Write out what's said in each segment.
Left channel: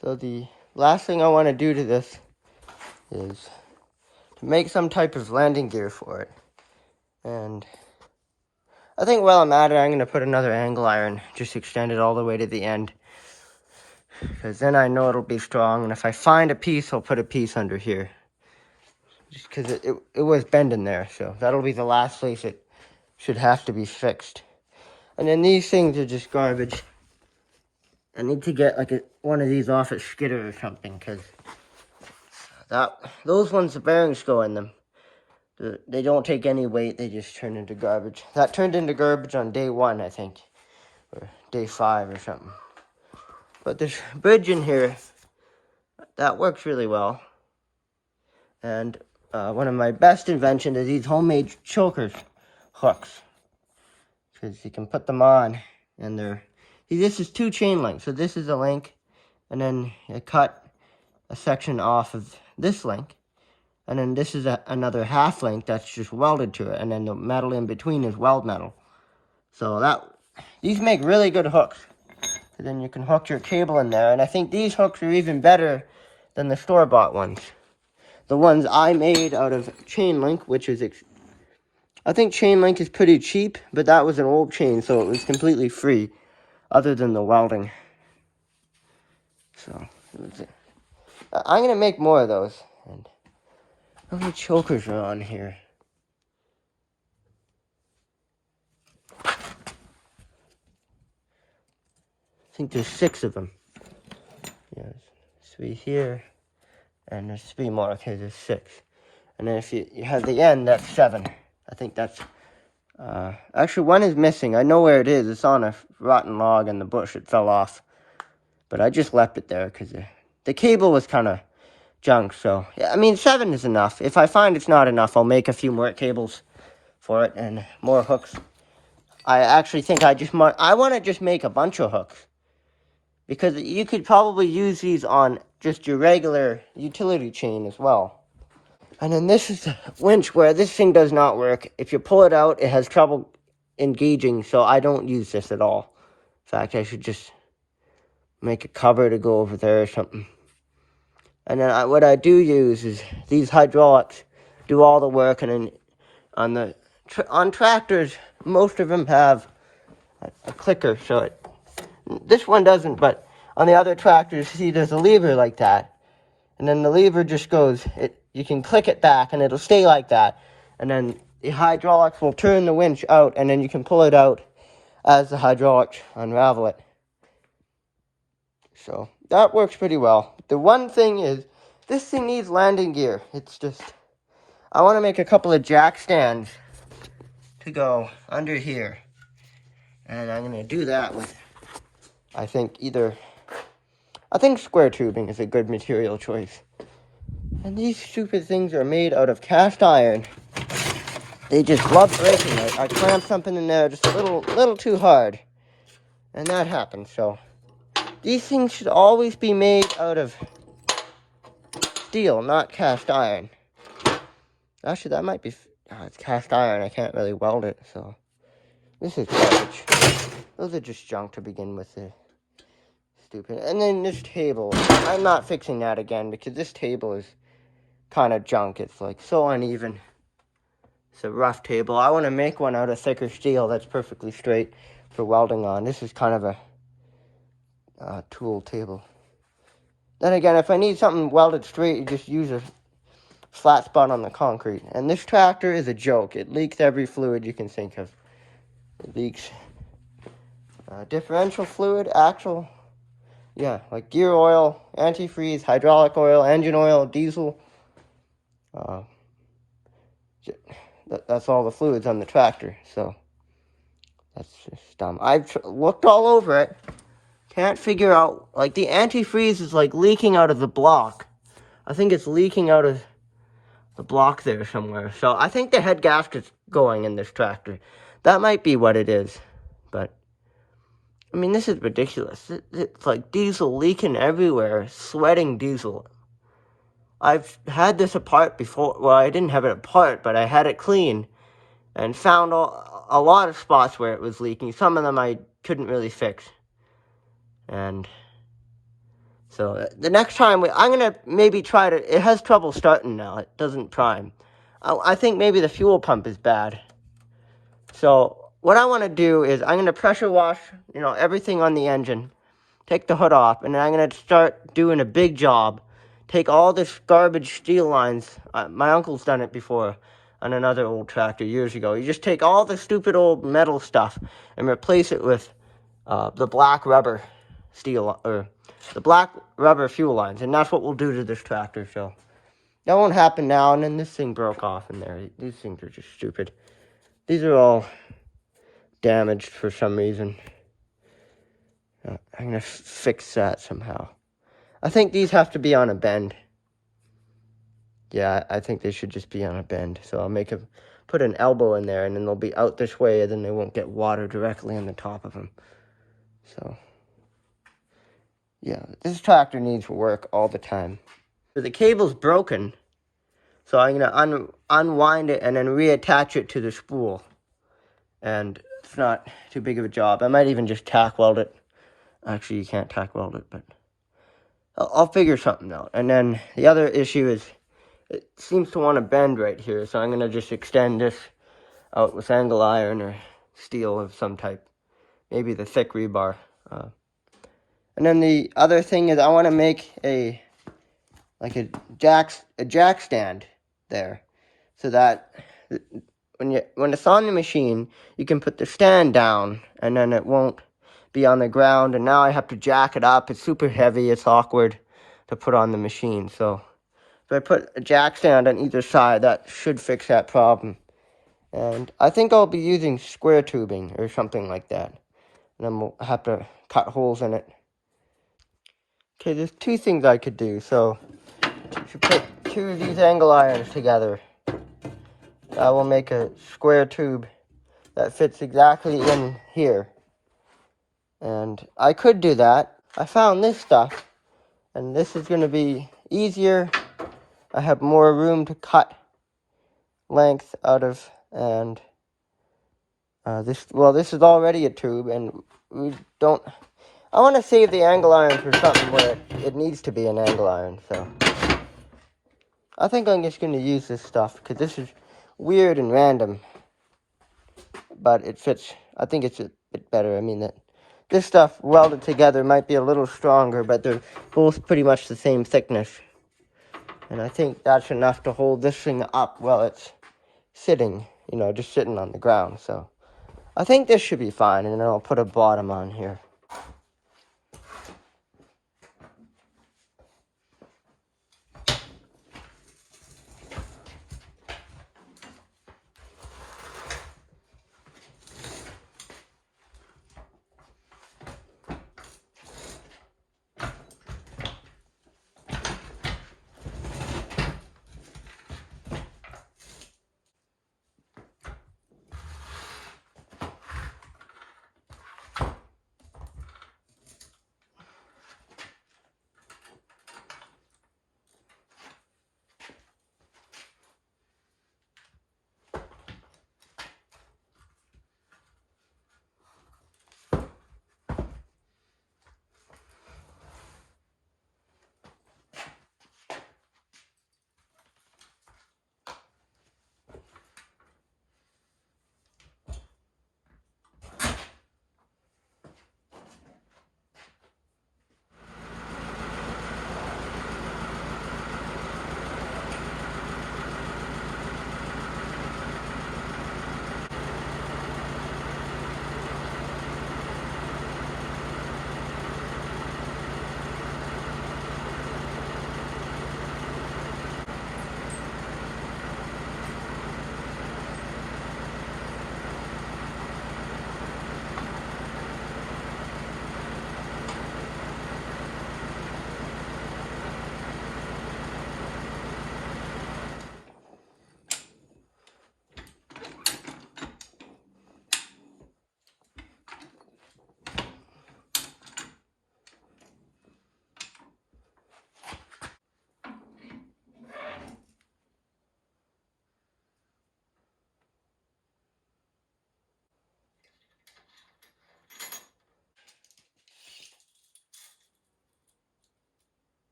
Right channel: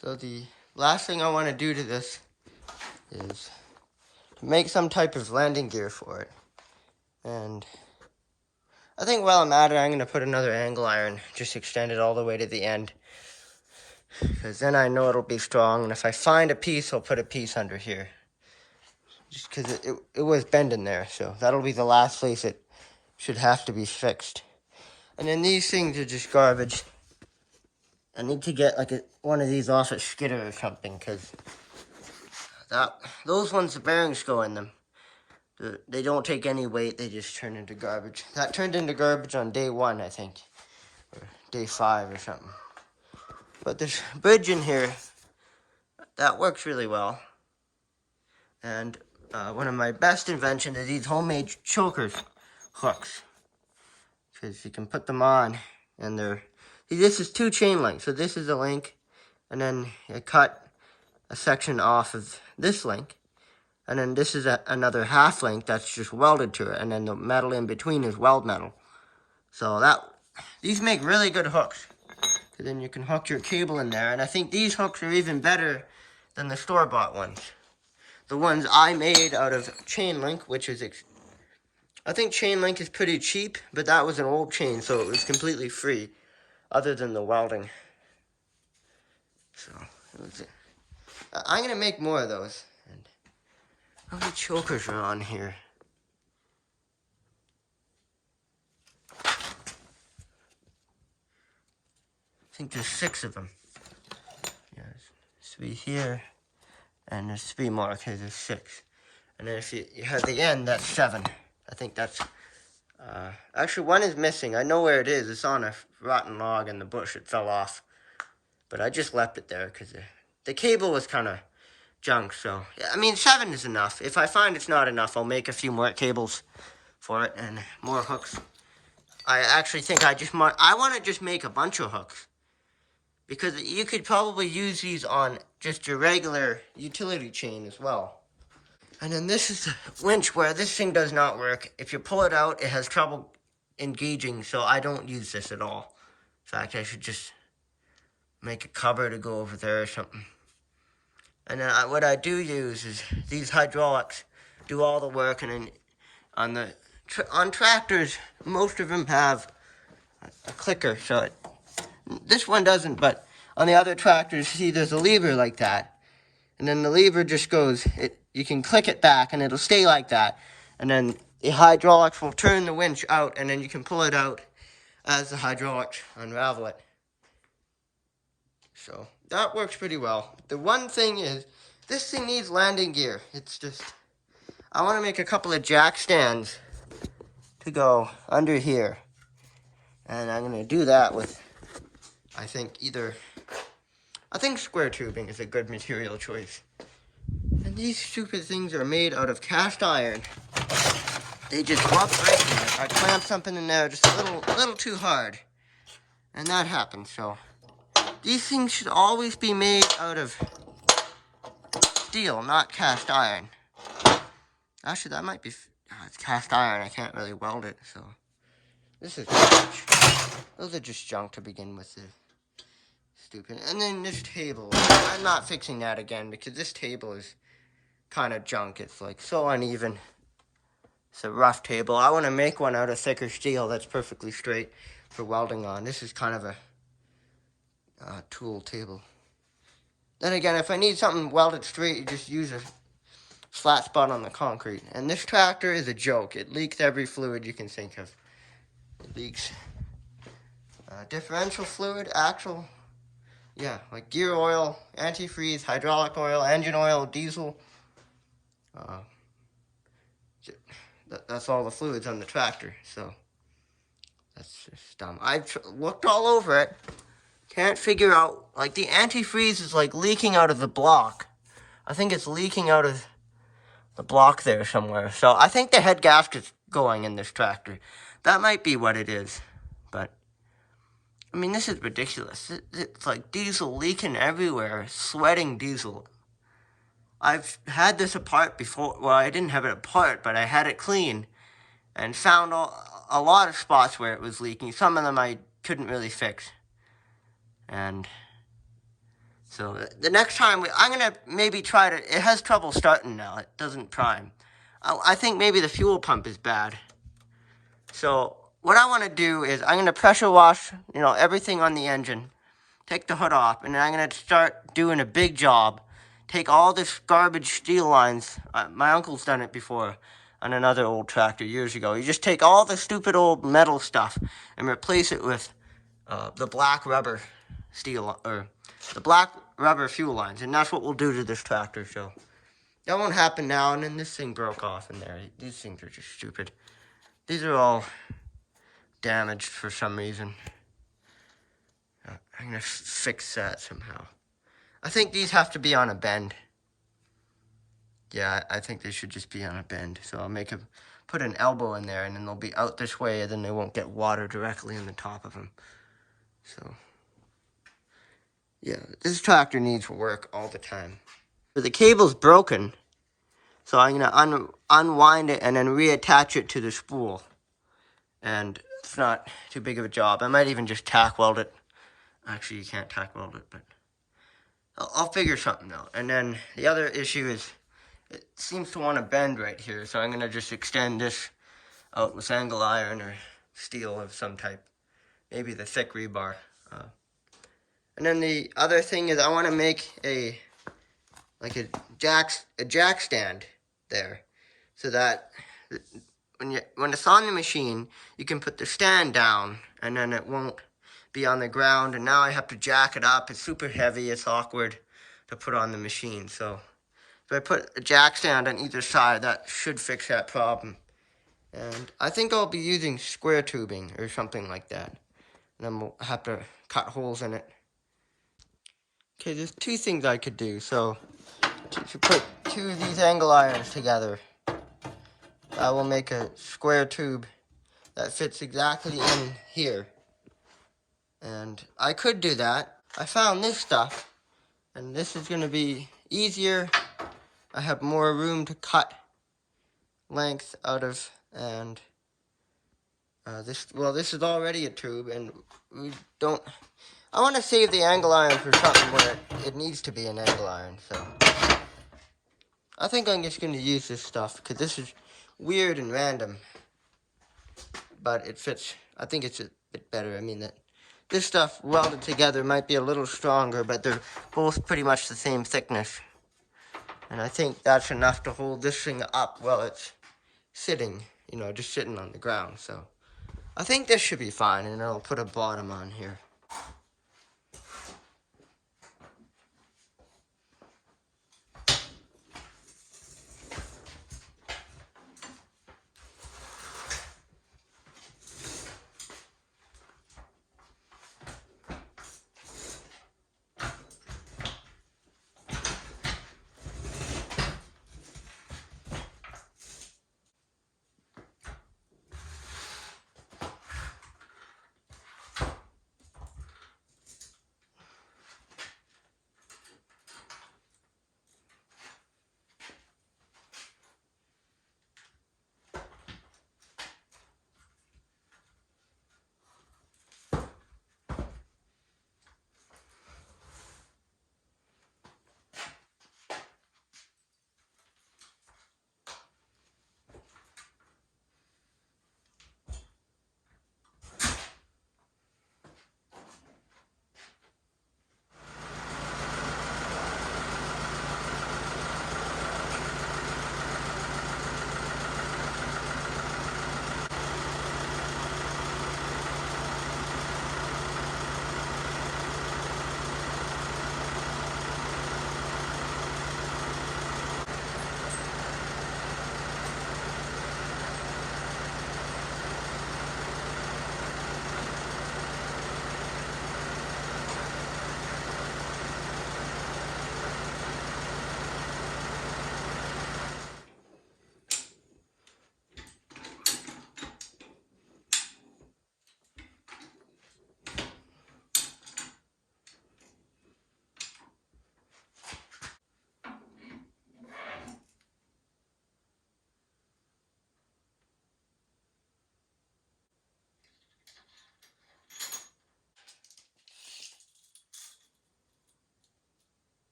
So the last thing I want to do to this is to make some type of landing gear for it. And I think while I'm at it, I'm going to put another angle iron, just extend it all the way to the end. Because then I know it'll be strong, and if I find a piece, I'll put a piece under here. Just because it was bending there, so that'll be the last place it should have to be fixed. And then these things are just garbage. I need to get like one of these off at Skidder or something, because those ones, the bearings go in them. They don't take any weight, they just turn into garbage. That turned into garbage on day 1, I think, or day 5 or something. But this bridge in here, that works really well. And one of my best inventions is these homemade chokers hooks. Because you can put them on, and this is 2 chain links. So this is a link, and then you cut a section off of this link. And then this is another half link that's just welded to it. And then the metal in between is weld metal. So these make really good hooks. And then you can hook your cable in there. And I think these hooks are even better than the store-bought ones. The ones I made out of chain link, which is, I think chain link is pretty cheap, but that was an old chain, so it was completely free, other than the welding. So, I'm going to make more of those. And how many chokers are on here? I think there's 6 of them. Yeah, there's 3 here, and there's 3 more. Okay, there's 6. And then if you have the end, that's 7. I think that's... actually, 1 is missing. I know where it is. It's on a rotten log in the bush. It fell off. But I just left it there because the cable was kind of junk. So, yeah, I mean, 7 is enough. If I find it's not enough, I'll make a few more cables for it and more hooks. I actually think I want to just make a bunch of hooks. Because you could probably use these on just your regular utility chain as well. And then this is a winch where this thing does not work. If you pull it out, it has trouble engaging, so I don't use this at all. In fact, I should just make a cover to go over there or something. And then what I do use is these hydraulics do all the work. And then on tractors, most of them have a clicker, so this one doesn't, but on the other tractors, see, there's a lever like that. And then the lever just goes, you can click it back, and it'll stay like that. And then the hydraulics will turn the winch out, and then you can pull it out as the hydraulics unravel it. So that works pretty well. The one thing is, this thing needs landing gear. It's just, I want to make a couple of jack stands to go under here. And I'm going to do that with, I think square tubing is a good material choice. And these stupid things are made out of cast iron. They just love breaking. I clamped something in there just a little too hard. And that happened, so. These things should always be made out of steel, not cast iron. Actually, that might be, it's cast iron. I can't really weld it, so. This is garbage. Those are just junk to begin with. Stupid. And then this table, I'm not fixing that again because this table is kind of junk. It's like so uneven. It's a rough table. I want to make one out of thicker steel that's perfectly straight for welding on. This is kind of a tool table. Then again, if I need something welded straight, you just use a flat spot on the concrete. And this tractor is a joke. It leaks every fluid you can think of. It leaks differential fluid, axle. Yeah, like gear oil, antifreeze, hydraulic oil, engine oil, diesel. That's all the fluids on the tractor, so that's just dumb. I've looked all over it. Can't figure out, like the antifreeze is like leaking out of the block. I think it's leaking out of the block there somewhere. So I think the head gasket's going in this tractor. That might be what it is, but I mean, this is ridiculous. It's like diesel leaking everywhere, sweating diesel. I've had this apart before. Well, I didn't have it apart, but I had it clean and found a lot of spots where it was leaking. Some of them I couldn't really fix. And So the next time, I'm going to maybe try to, it has trouble starting now. It doesn't prime. I think maybe the fuel pump is bad. So what I want to do is I'm going to pressure wash, everything on the engine, take the hood off, and then I'm going to start doing a big job. Take all this garbage steel lines. My uncle's done it before on another old tractor years ago. You just take all the stupid old metal stuff and replace it with the black rubber steel, or the black rubber fuel lines, and that's what we'll do to this tractor. So that won't happen now. And then this thing broke off in there. These things are just stupid. These are all damaged for some reason. I'm gonna fix that somehow. I think these have to be on a bend. Yeah, I think they should just be on a bend. So I'll put an elbow in there, and then they'll be out this way, and then they won't get water directly on the top of them. So yeah, this tractor needs work all the time. So the cable's broken, so I'm gonna unwind it and then reattach it to the spool. And it's not too big of a job. I might even just tack weld it. Actually, you can't tack weld it, but I'll figure something out. And then the other issue is it seems to want to bend right here, so I'm going to just extend this out with angle iron or steel of some type. Maybe the thick rebar. And then the other thing is I want to make a jack stand there, so that when it's on the machine, you can put the stand down, and then it won't be on the ground. And now I have to jack it up. It's super heavy. It's awkward to put on the machine. So if I put a jack stand on either side, that should fix that problem. And I think I'll be using square tubing or something like that. And then we'll have to cut holes in it. Okay, there's two things I could do. So to put two of these angle irons together, I will make a square tube that fits exactly in here. And I could do that. I found this stuff, and this is going to be easier. I have more room to cut length out of, and this is already a tube, and I want to save the angle iron for something where it needs to be an angle iron, so I think I'm just going to use this stuff, because this is weird and random, but it fits. I think it's a bit better. I mean, this stuff welded together might be a little stronger, but they're both pretty much the same thickness. And I think that's enough to hold this thing up while it's sitting, just sitting on the ground. So I think this should be fine, and then I'll put a bottom on here.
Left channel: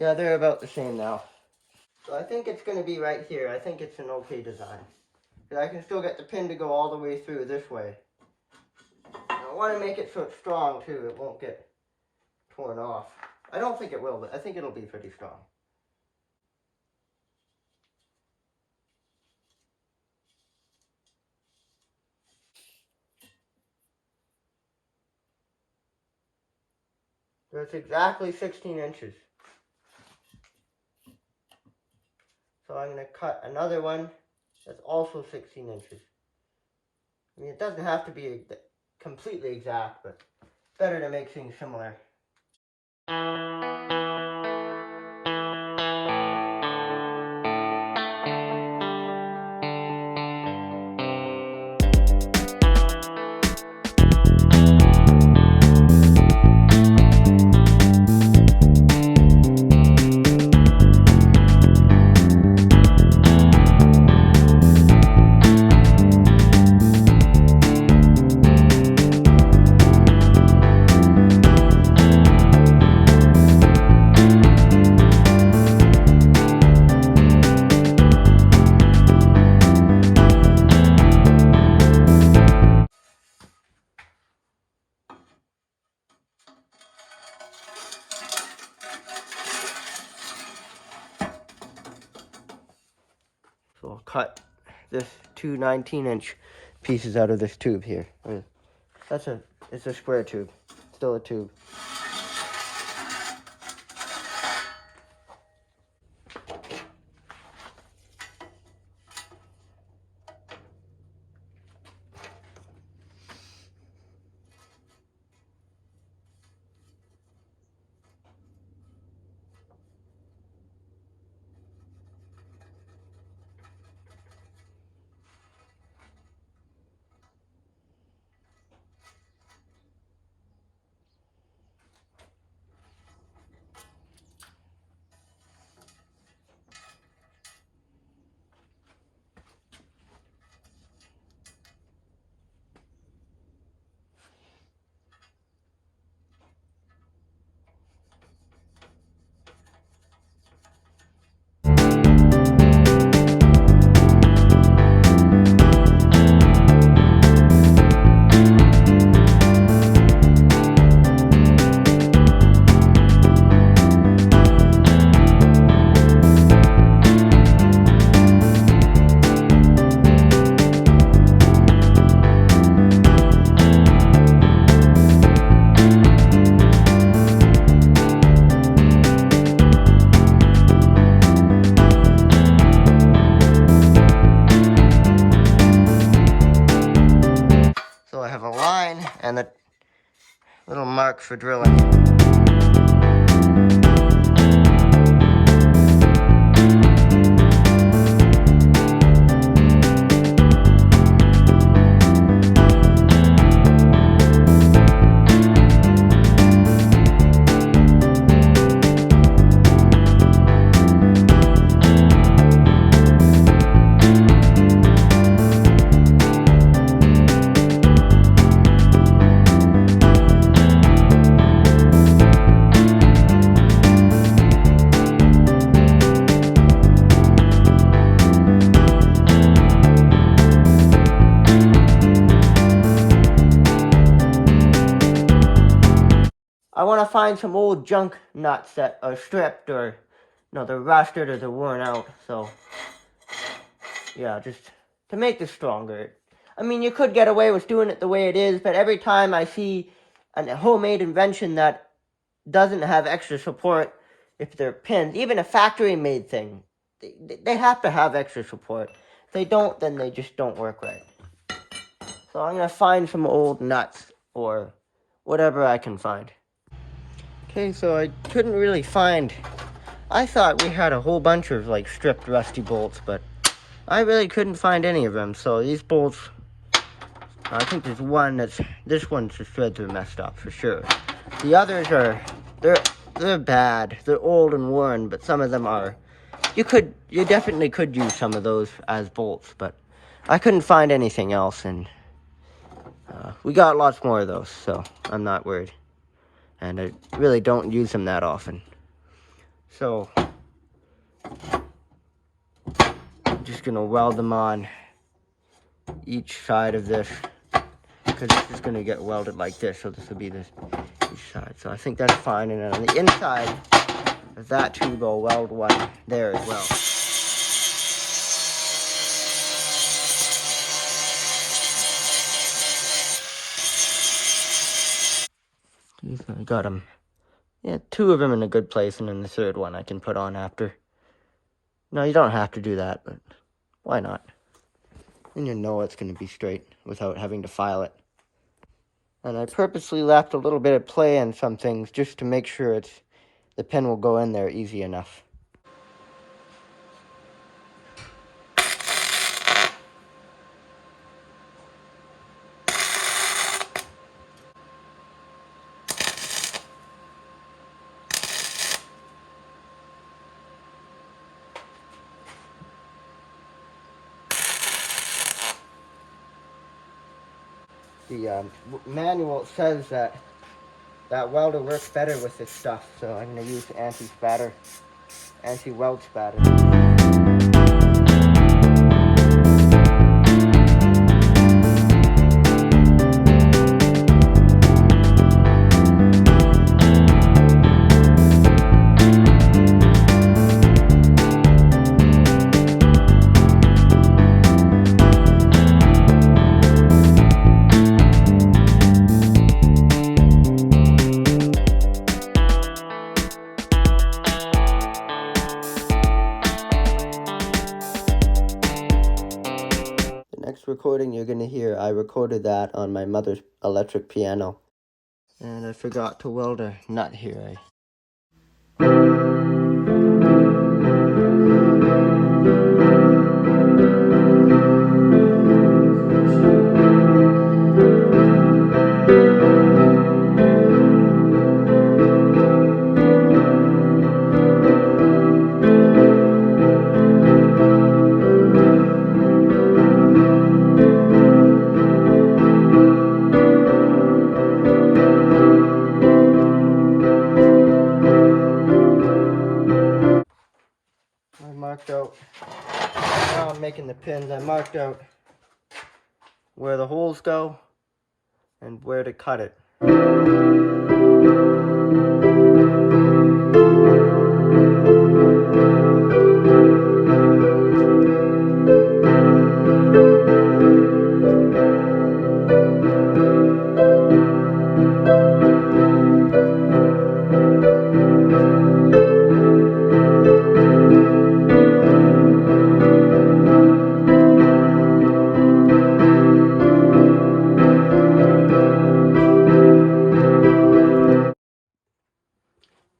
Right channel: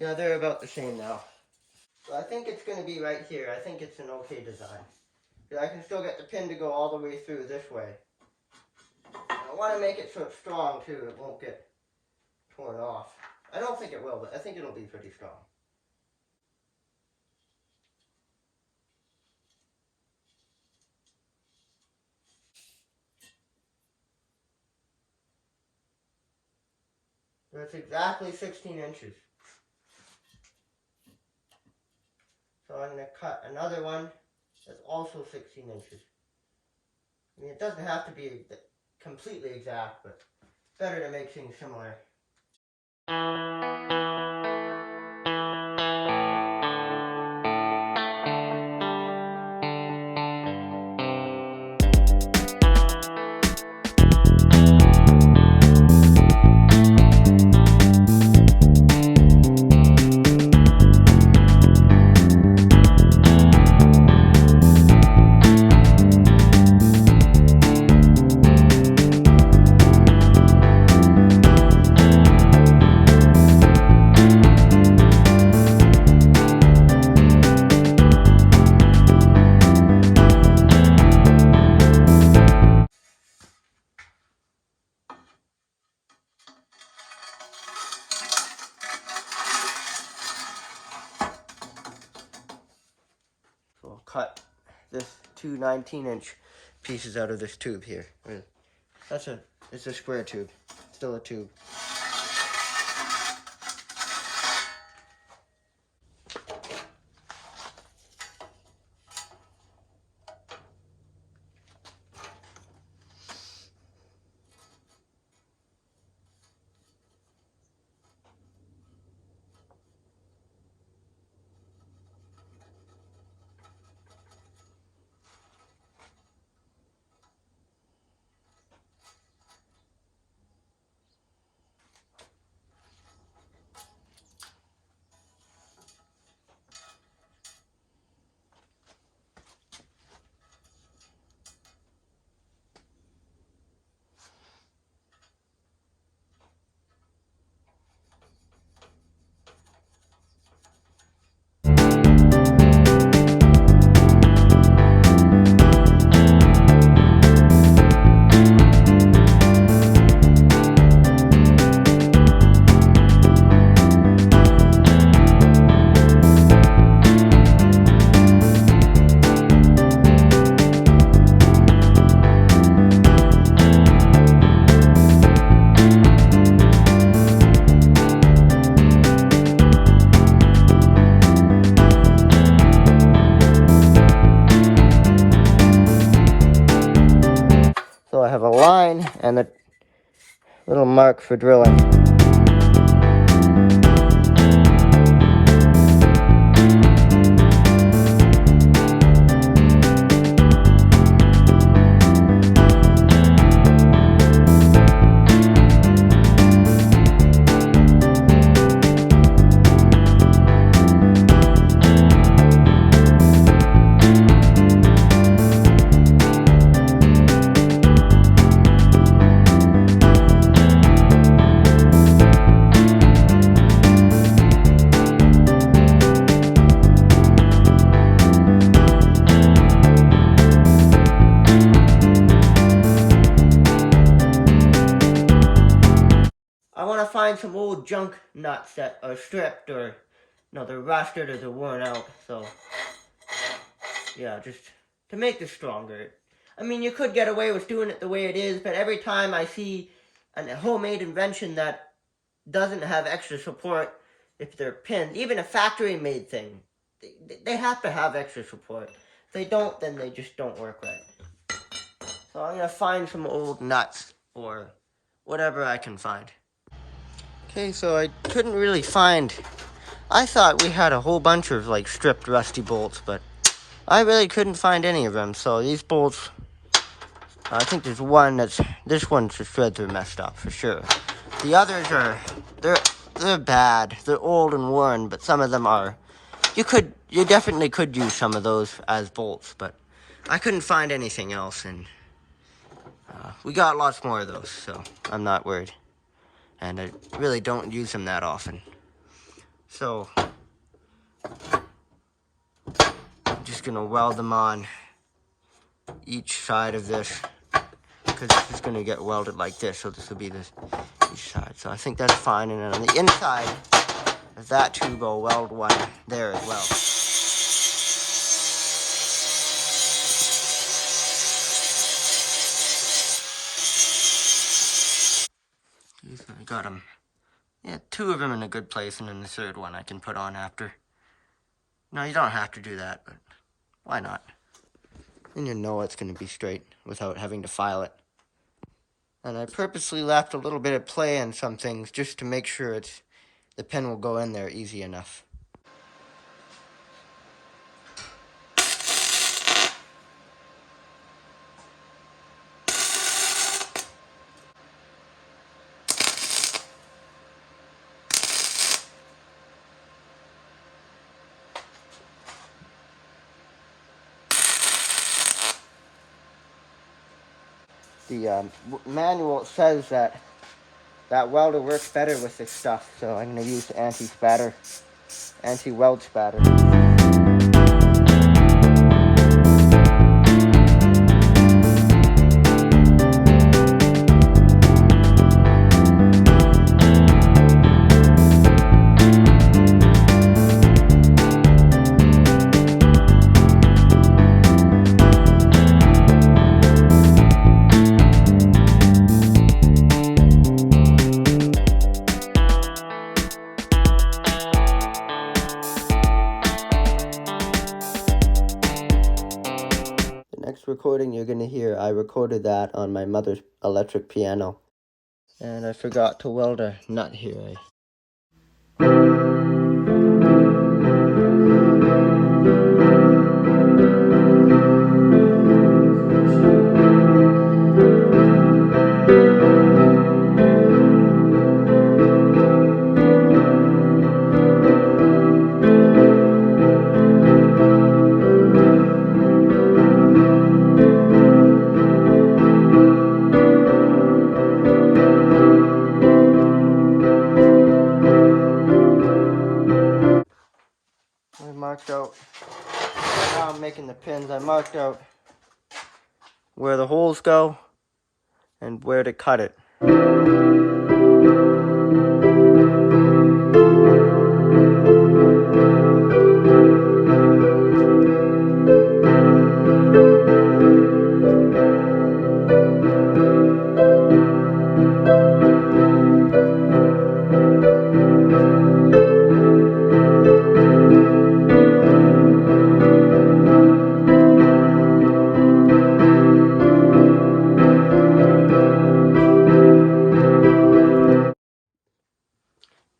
Yeah, they're about the same now. So I think it's going to be right here. I think it's an okay design. I can still get the pin to go all the way through this way. I want to make it so it's strong too. It won't get torn off. I don't think it will, but I think it'll be pretty strong. So it's exactly 16 inches. So I'm going to cut another one that's also 16 inches. I mean, it doesn't have to be completely exact, but better to make things similar. So I'll cut this two 19-inch pieces out of this tube here. It's a square tube, still a tube. So I have a line and a little mark for drilling. I want to find some old junk nuts that are stripped or, they're rusted or they're worn out. So, yeah, just to make this stronger. I mean, you could get away with doing it the way it is, but every time I see a homemade invention that doesn't have extra support, if they're pins, even a factory-made thing, they have to have extra support. If they don't, then they just don't work right. So I'm going to find some old nuts or whatever I can find. Okay, so I couldn't really find... I thought we had a whole bunch of, stripped rusty bolts, but I really couldn't find any of them. So these bolts, I think there's one that's... This one's the threads are messed up, for sure. The others are... They're bad. They're old and worn, but some of them are... You definitely could use some of those as bolts, but I couldn't find anything else, and we got lots more of those, so I'm not worried. And I really don't use them that often. So I'm just gonna weld them on each side of this, because this is gonna get welded like this, so this will be this each side. So I think that's fine, and then on the inside of that tube, I'll weld one there as well. I got them. Yeah, 2 of them in a good place, and then the 3rd one I can put on after. No, you don't have to do that, but why not? Then you know it's going to be straight without having to file it. And I purposely left a little bit of play in some things just to make sure the pen will go in there easy enough. The manual says that welder works better with this stuff, so I'm going to use anti-weld spatter. Recording you're going to hear, I recorded that on my mother's electric piano. And I forgot to weld a nut here. Marked out, now I'm making the pins, I marked out where the holes go and where to cut it.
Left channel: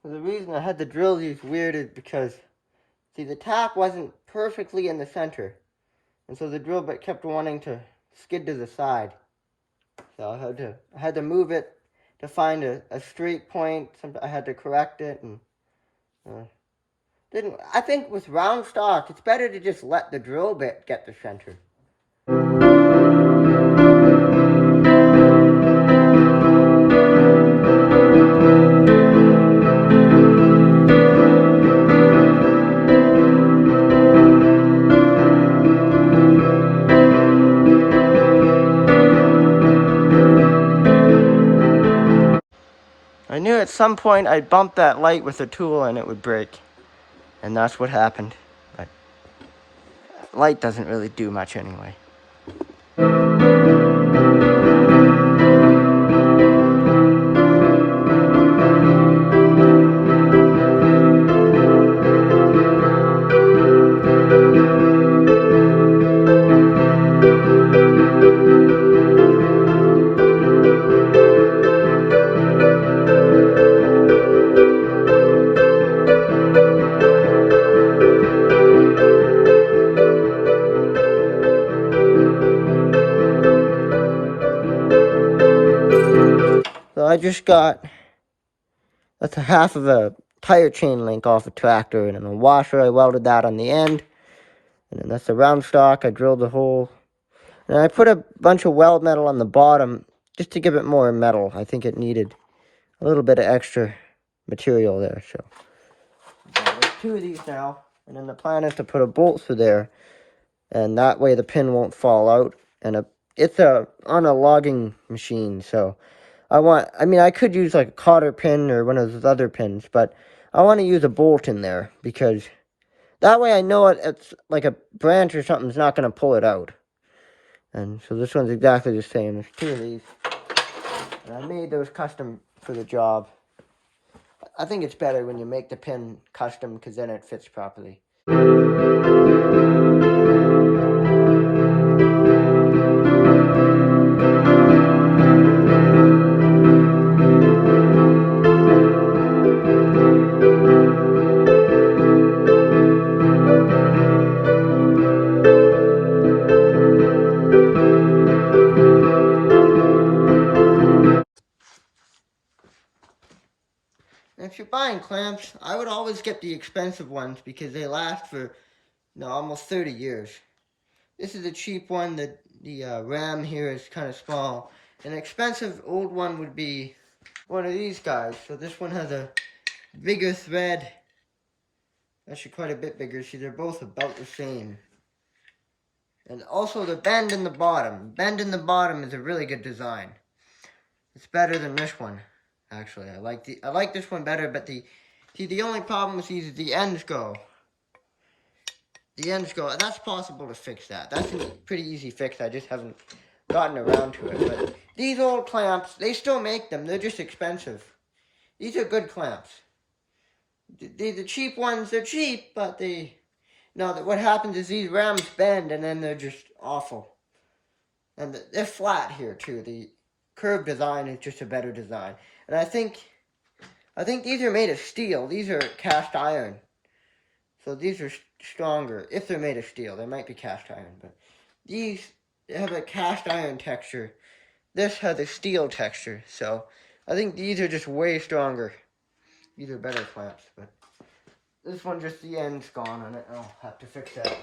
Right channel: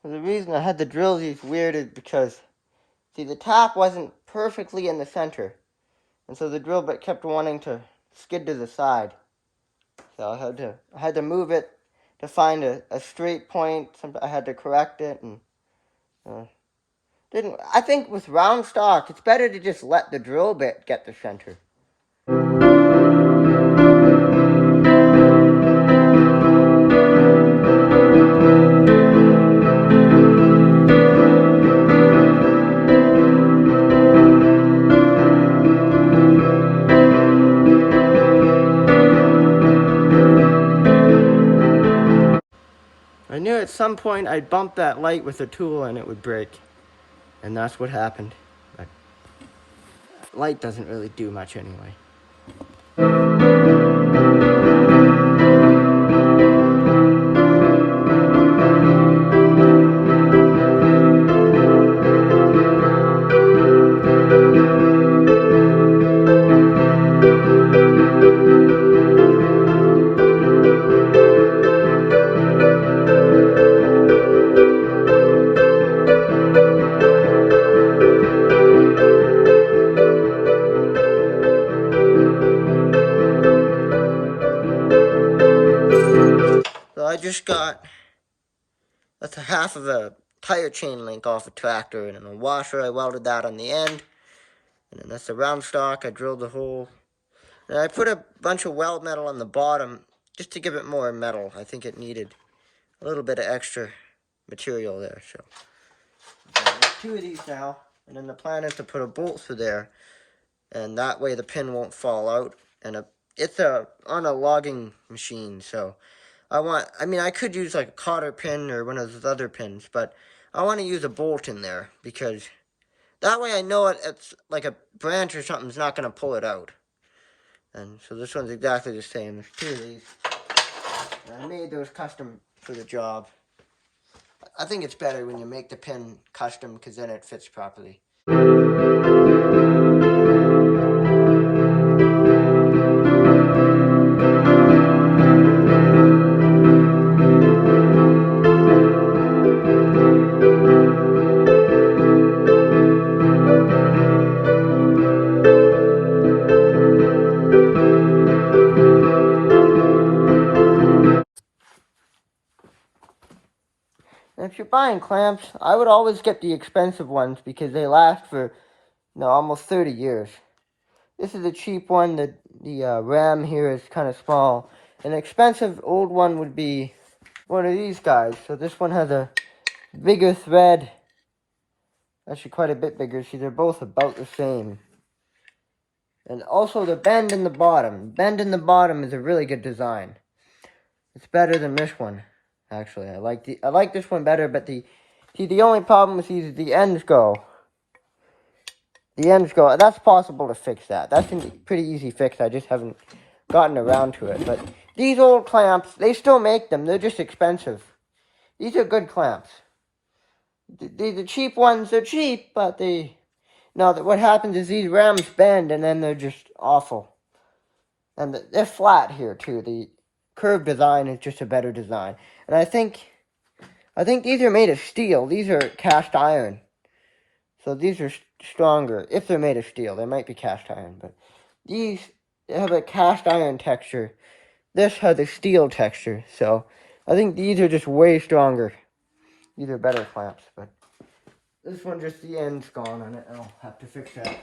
The reason I had the drills used weird is because, see, the tap wasn't perfectly in the center, and so the drill bit kept wanting to skid to the side. So I had to move it to find a straight point. I had to correct it, and didn't. I think with round stock, it's better to just let the drill bit get the center. I knew at some point I'd bump that light with a tool and it would break. And that's what happened. But light doesn't really do much anyway. I just got, that's a half of a tire chain link off a tractor, and then a washer, I welded that on the end, and then that's the round stock, I drilled the hole, and I put a bunch of weld metal on the bottom, just to give it more metal. I think it needed a little bit of extra material there, so. 2 of these now, and then the plan is to put a bolt through there, and that way the pin won't fall out. And it's on a logging machine, so I mean, I could use like a cotter pin or one of those other pins, but I want to use a bolt in there because that way I know it's like a branch or something's not going to pull it out. And so this one's exactly the same. There's 2 of these. And I made those custom for the job. I think it's better when you make the pin custom because then it fits properly. And if you're buying clamps, I would always get the expensive ones because they last for almost 30 years. This is a cheap one. The ram here is kind of small. An expensive old one would be one of these guys. So this one has a bigger thread. Actually quite a bit bigger. See, they're both about the same. And also the bend in the bottom. Bend in the bottom is a really good design. It's better than this one, actually. I like this one better, but the only problem with these is the ends go. The ends go. That's possible to fix that. That's a pretty easy fix. I just haven't gotten around to it. But these old clamps, they still make them. They're just expensive. These are good clamps. The cheap ones, they're cheap, but what happens is these rams bend and then they're just awful. And they're flat here too. The curved design is just a better design. And I think these are made of steel. These are cast iron. So these are stronger. If they're made of steel, they might be cast iron, but these have a cast iron texture. This has a steel texture. So I think these are just way stronger. These are better clamps, but this one just the end's gone on it. I'll have to fix that.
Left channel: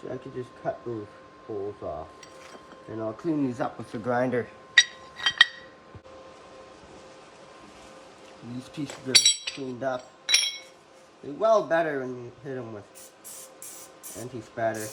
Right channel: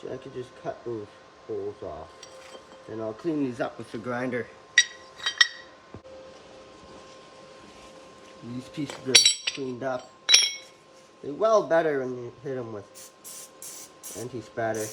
So I could just cut those holes off. And I'll clean these up with the grinder. These pieces are cleaned up. They weld better when you hit them with anti-spatter.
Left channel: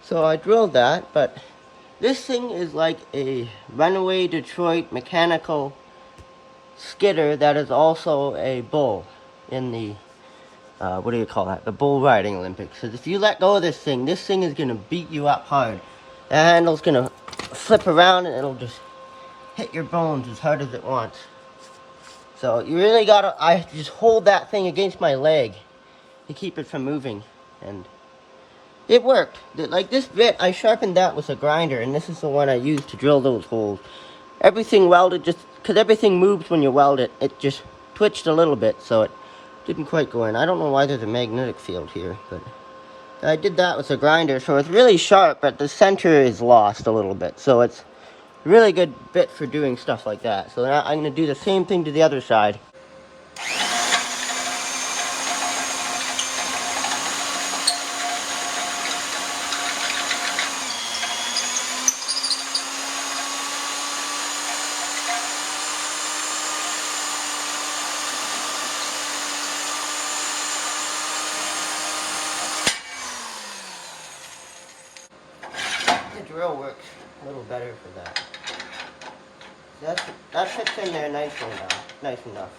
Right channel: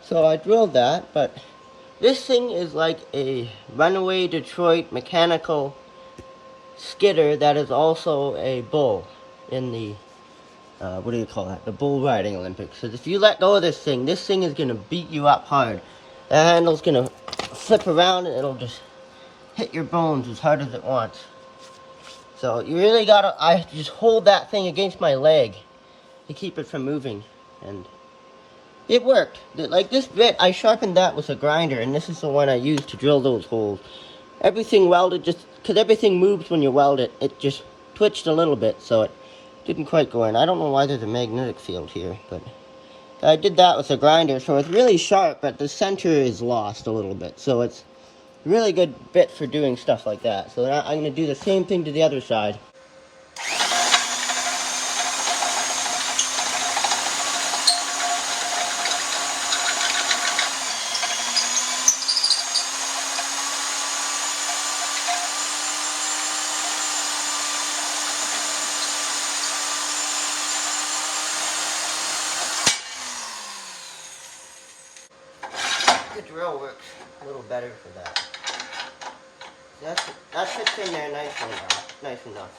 So I drilled that, but this thing is like a runaway Detroit mechanical skidder that is also a bull in the, what do you call that? The bull riding Olympics. Because if you let go of this thing is going to beat you up hard. The handle's going to flip around and it'll just hit your bones as hard as it wants. So you really gotta, I just hold that thing against my leg to keep it from moving, and it worked. Like this bit, I sharpened that with a grinder, and this is the one I used to drill those holes. Everything welded, just because everything moves when you weld it, it just twitched a little bit, so it didn't quite go in. I don't know why there's a magnetic field here, but I did that with a grinder, so it's really sharp, but the center is lost a little bit, so it's a really good bit for doing stuff like that. So now I'm going to do the same thing to the other side. The drill works a little better for that. That fits in there nicely now. Nice enough.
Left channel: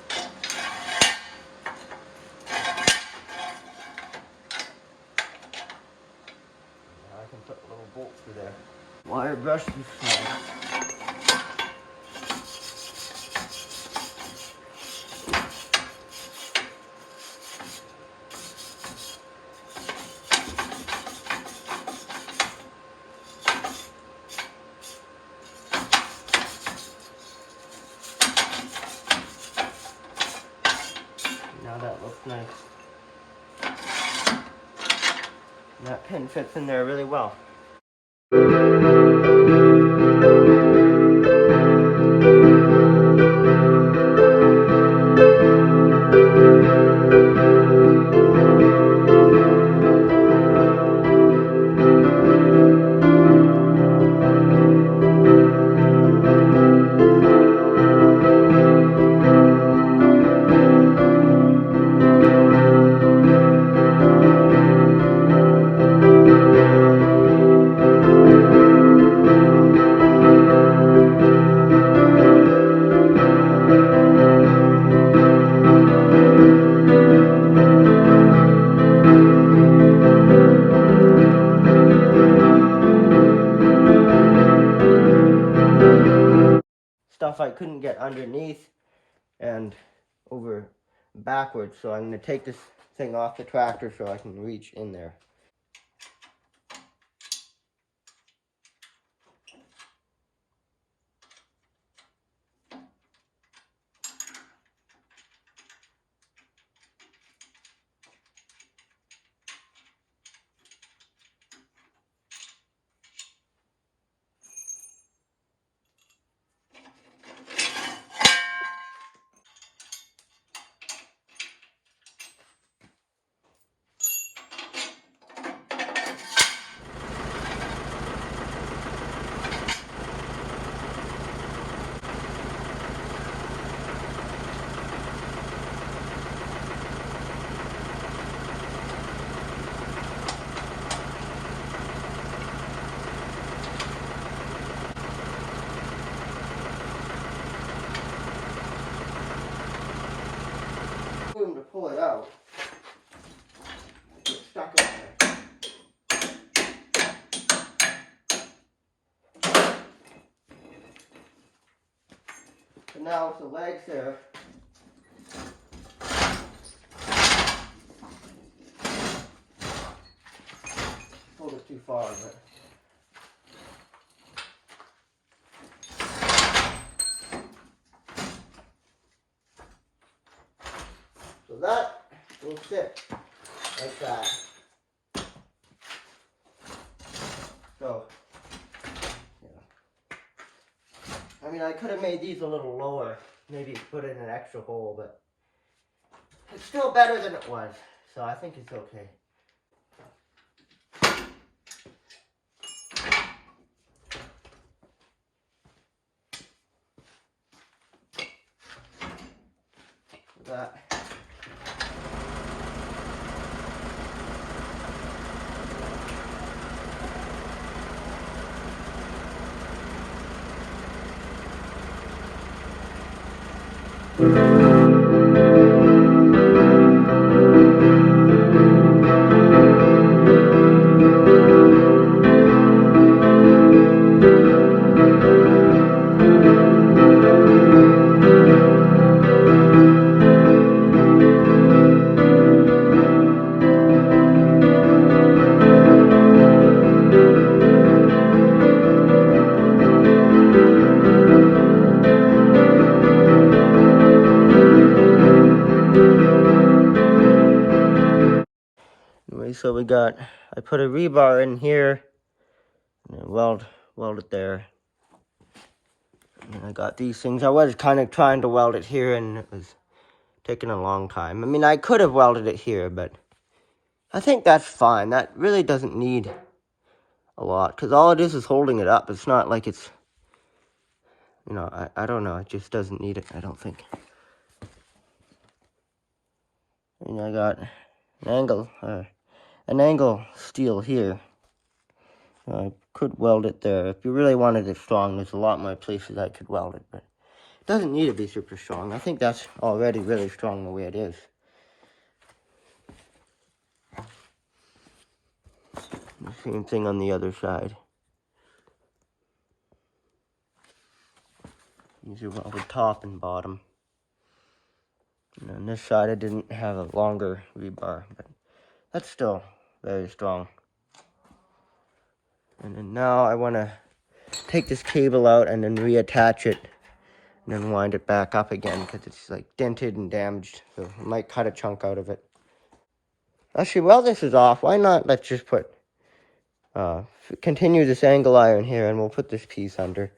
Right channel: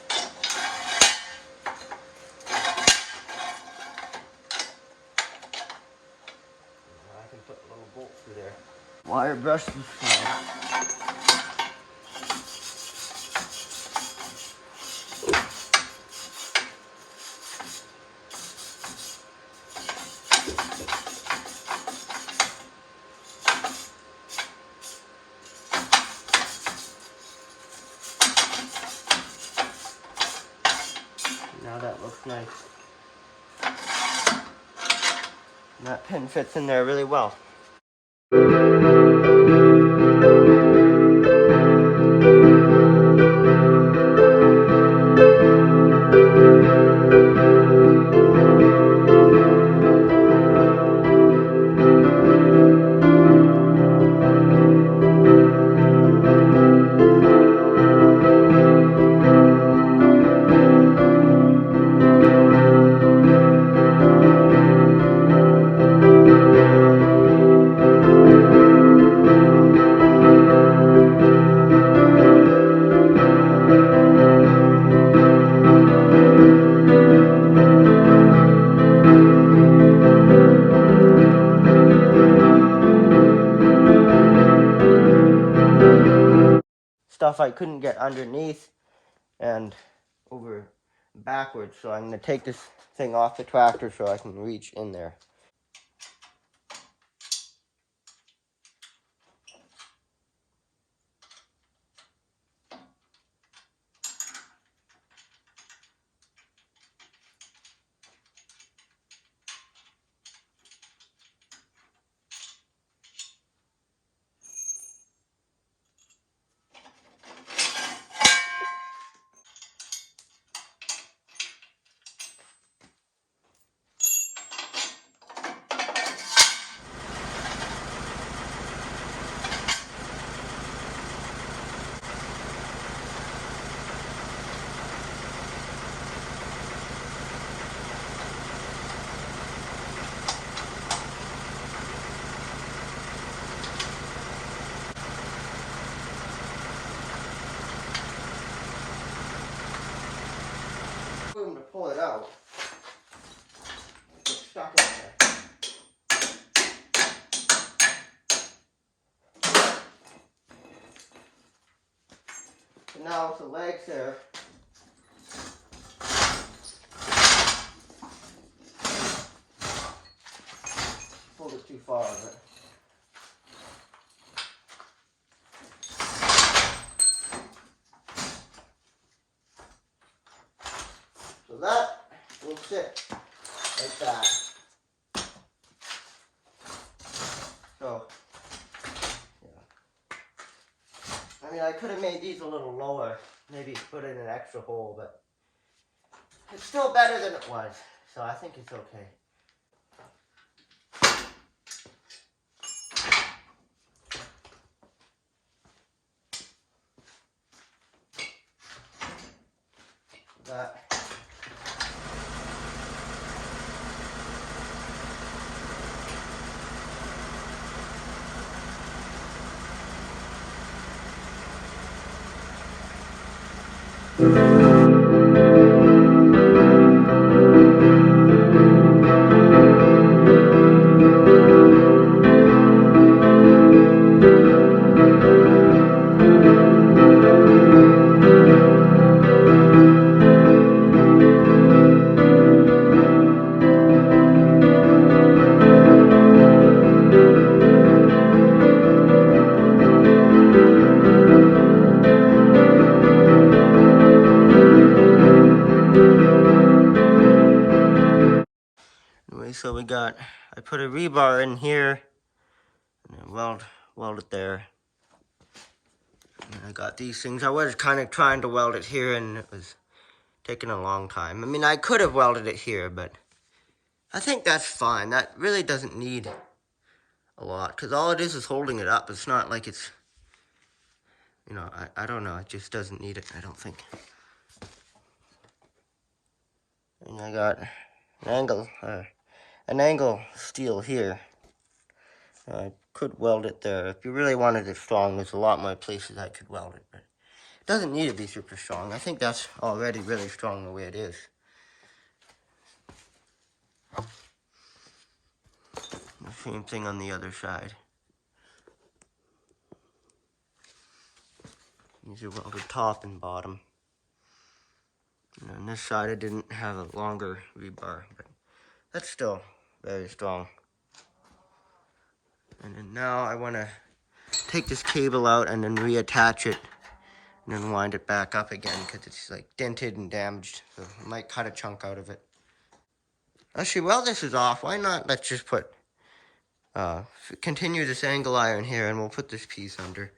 Now I can put a little bolt through there. Wire brush the side. Now that looks nice. And that pin fits in there really well. Stuff I couldn't get underneath and over backwards, so I'm going to take this thing off the tractor so I can reach in there. Room to pull it out. It's stuck up there. And now with the legs there, pulled it too far, but so that will sit like that. So, yeah. I mean, I could have made these a little lower, maybe put in an extra hole, but it's still better than it was, so I think it's okay. That. Anyway, so I put a rebar in here, and then weld it there. And then I got these things. I was kind of trying to weld it here, and it was taking a long time. I mean, I could have welded it here, but I think that's fine. That really doesn't need a lot, because all it is holding it up. It's not like it's, you know, I don't know. It just doesn't need it, I don't think. And I got an angle steel here. I could weld it there. If you really wanted it strong, there's a lot more places I could weld it, but it doesn't need to be super strong. I think that's already really strong the way it is. The same thing on the other side. These are welded top and bottom. And on this side, I didn't have a longer rebar, but that's still very strong. And then now I want to take this cable out and then reattach it and then wind it back up again because it's like dented and damaged. So I might cut a chunk out of it. Actually, while this is off, why not let's just put, continue this angle iron here, and we'll put this piece under.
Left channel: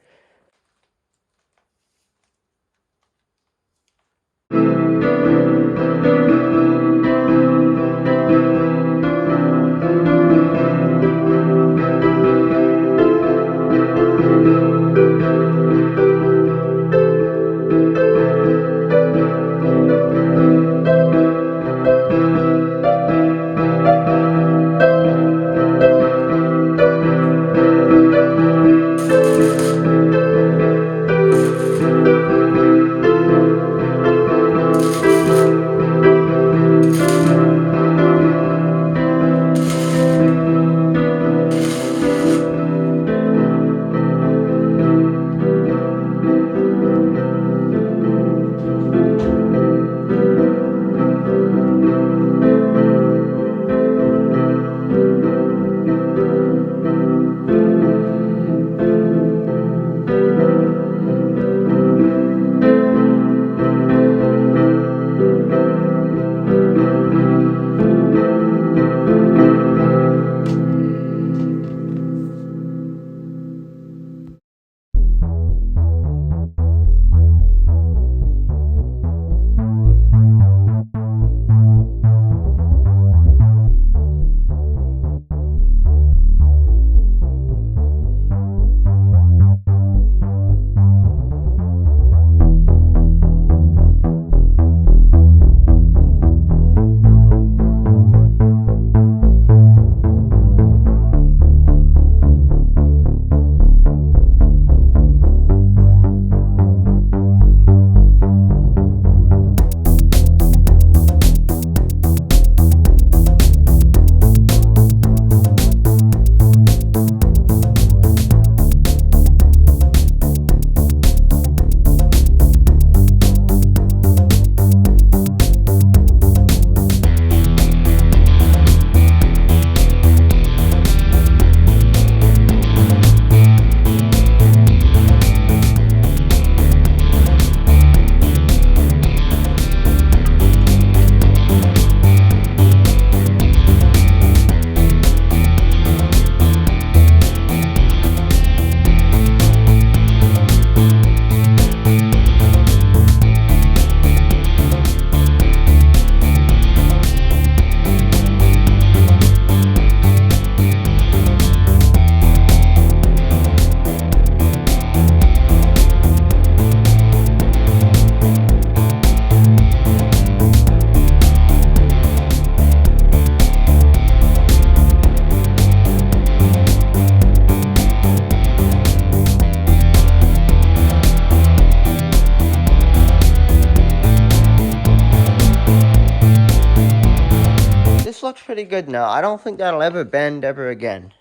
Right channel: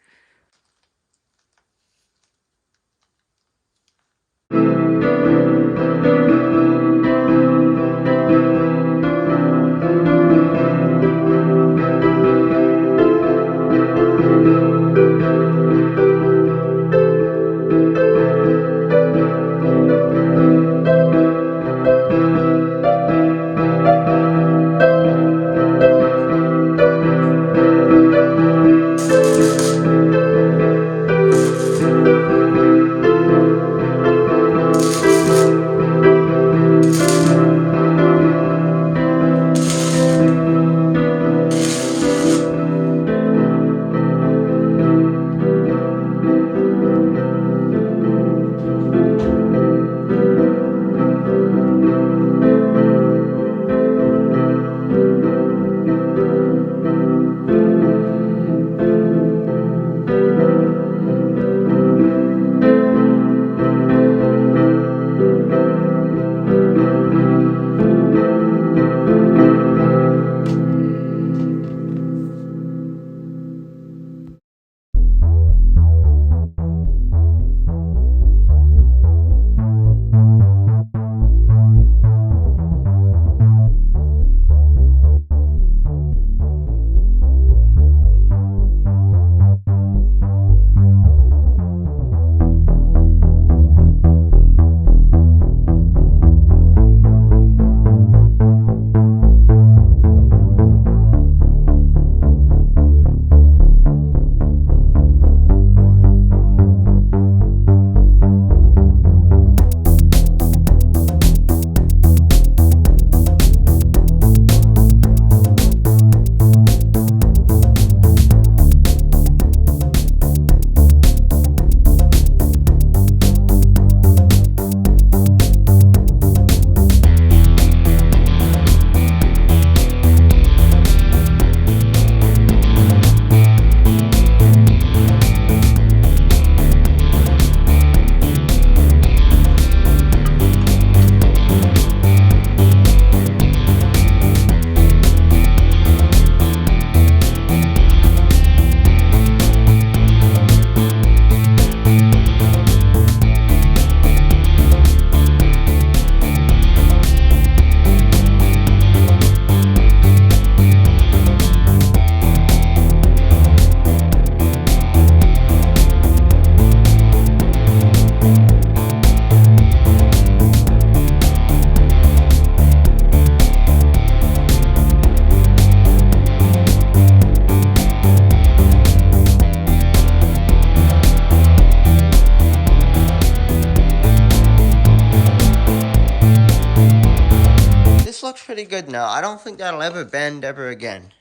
Looks pretty good now. I don't think that'll ever bend ever again.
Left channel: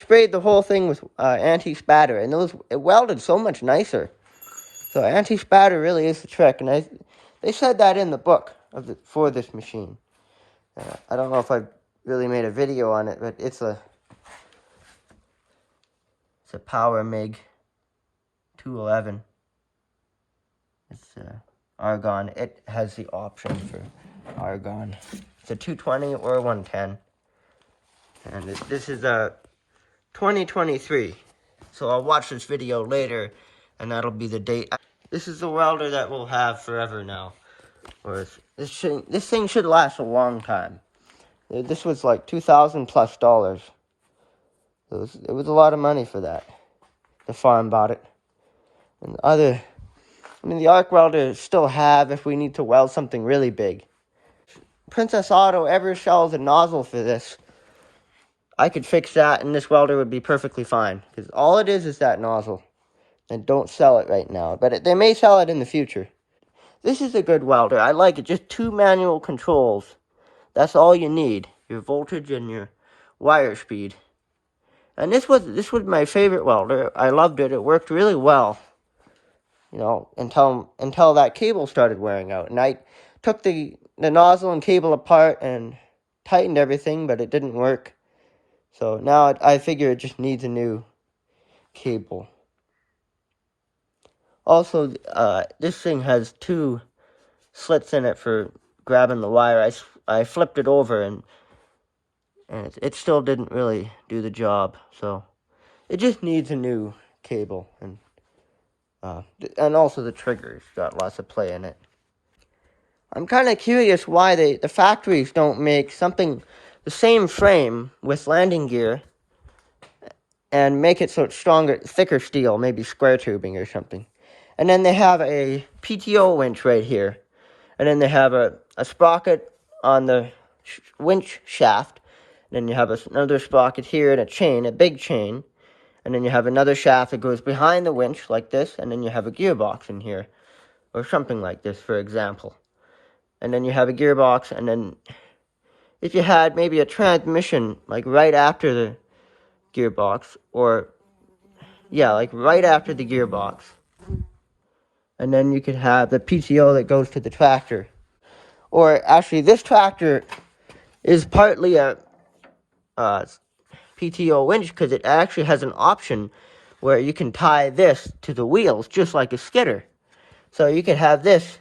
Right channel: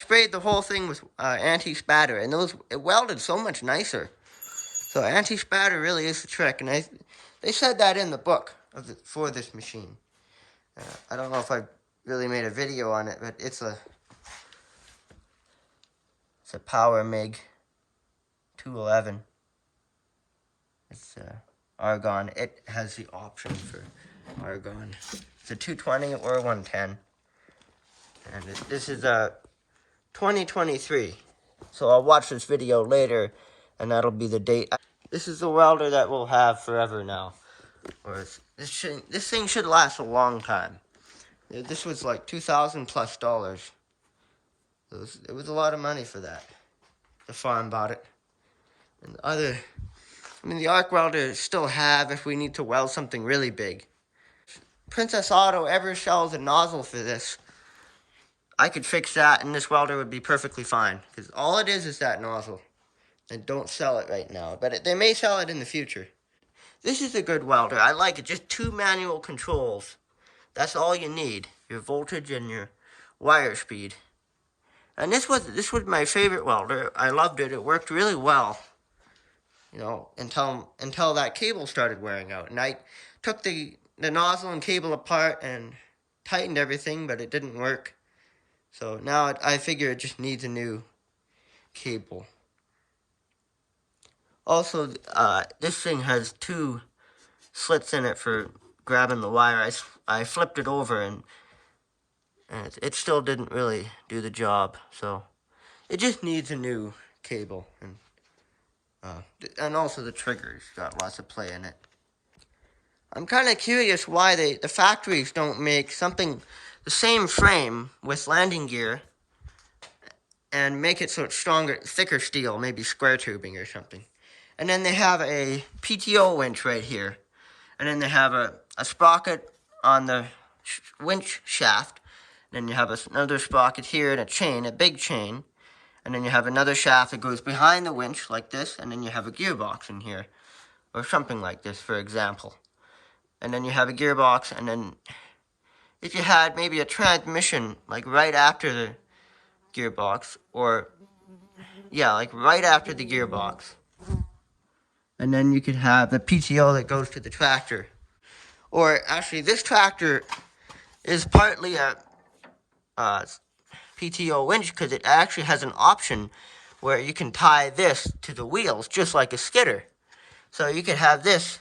Sprayed the whole thing with anti-spatter, and it welded so much nicer. So anti-spatter really is the trick, and they said that in the book for this machine. I don't know if I really made a video on it, but it's a Power MIG 211. It's argon. It has the option for argon. It's a 220 or 110. And this is 2023. So I'll watch this video later, and that'll be the date. This is the welder that we'll have forever now. Or this thing should last a long time. This was like $2,000+. It was a lot of money for that. The farm bought it. And the arc welder still have if we need to weld something really big. Princess Auto ever sells a nozzle for this, I could fix that and this welder would be perfectly fine. Because all it is that nozzle. And don't sell it right now. But they may sell it in the future. This is a good welder. I like it. Just 2 manual controls. That's all you need. Your voltage and your wire speed. And this was my favorite welder. I loved it. It worked really well. You know, until that cable started wearing out. And I took the nozzle and cable apart and tightened everything, but it didn't work. So now I figure it just needs a new cable. Also, this thing has 2 slits in it for grabbing the wire. I flipped it over and it still didn't really do the job. So it just needs a new cable. And also the trigger's got lots of play in it. I'm kind of curious why the factories don't make something, the same frame with landing gear, and make it so it's stronger, thicker steel, maybe square tubing or something. And then they have a PTO winch right here. And then they have a sprocket on the winch shaft. And then you have another sprocket here and a chain, a big chain. And then you have another shaft that goes behind the winch like this. And then you have a gearbox in here. Or something like this, for example. And then you have a gearbox. And then if you had maybe a transmission, like right after the gearbox. Or, yeah, like right after the gearbox. And then you could have the PTO that goes to the tractor. Or actually, this tractor is partly a PTO winch because it actually has an option where you can tie this to the wheels just like a skidder. So you could have this.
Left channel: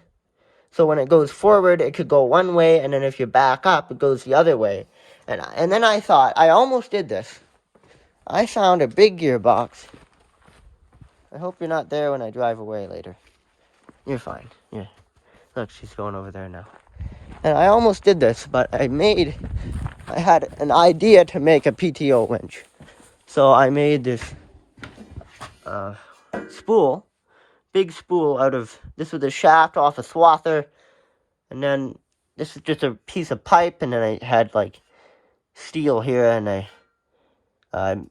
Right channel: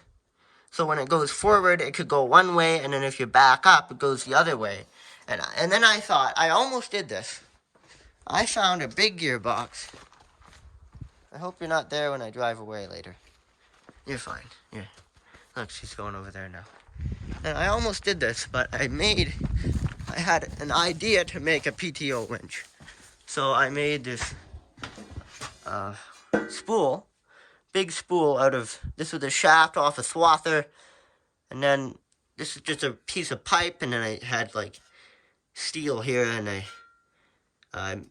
So when it goes forward, it could go one way, and then if you back up, it goes the other way. And then I thought, I almost did this. I found a big gearbox. I hope you're not there when I drive away later. You're fine. Yeah. Look, she's going over there now. And I almost did this, but I had an idea to make a PTO winch. So I made this spool, big spool this was a shaft off a swather. And then this is just a piece of pipe, and then I had like steel here, and it's kind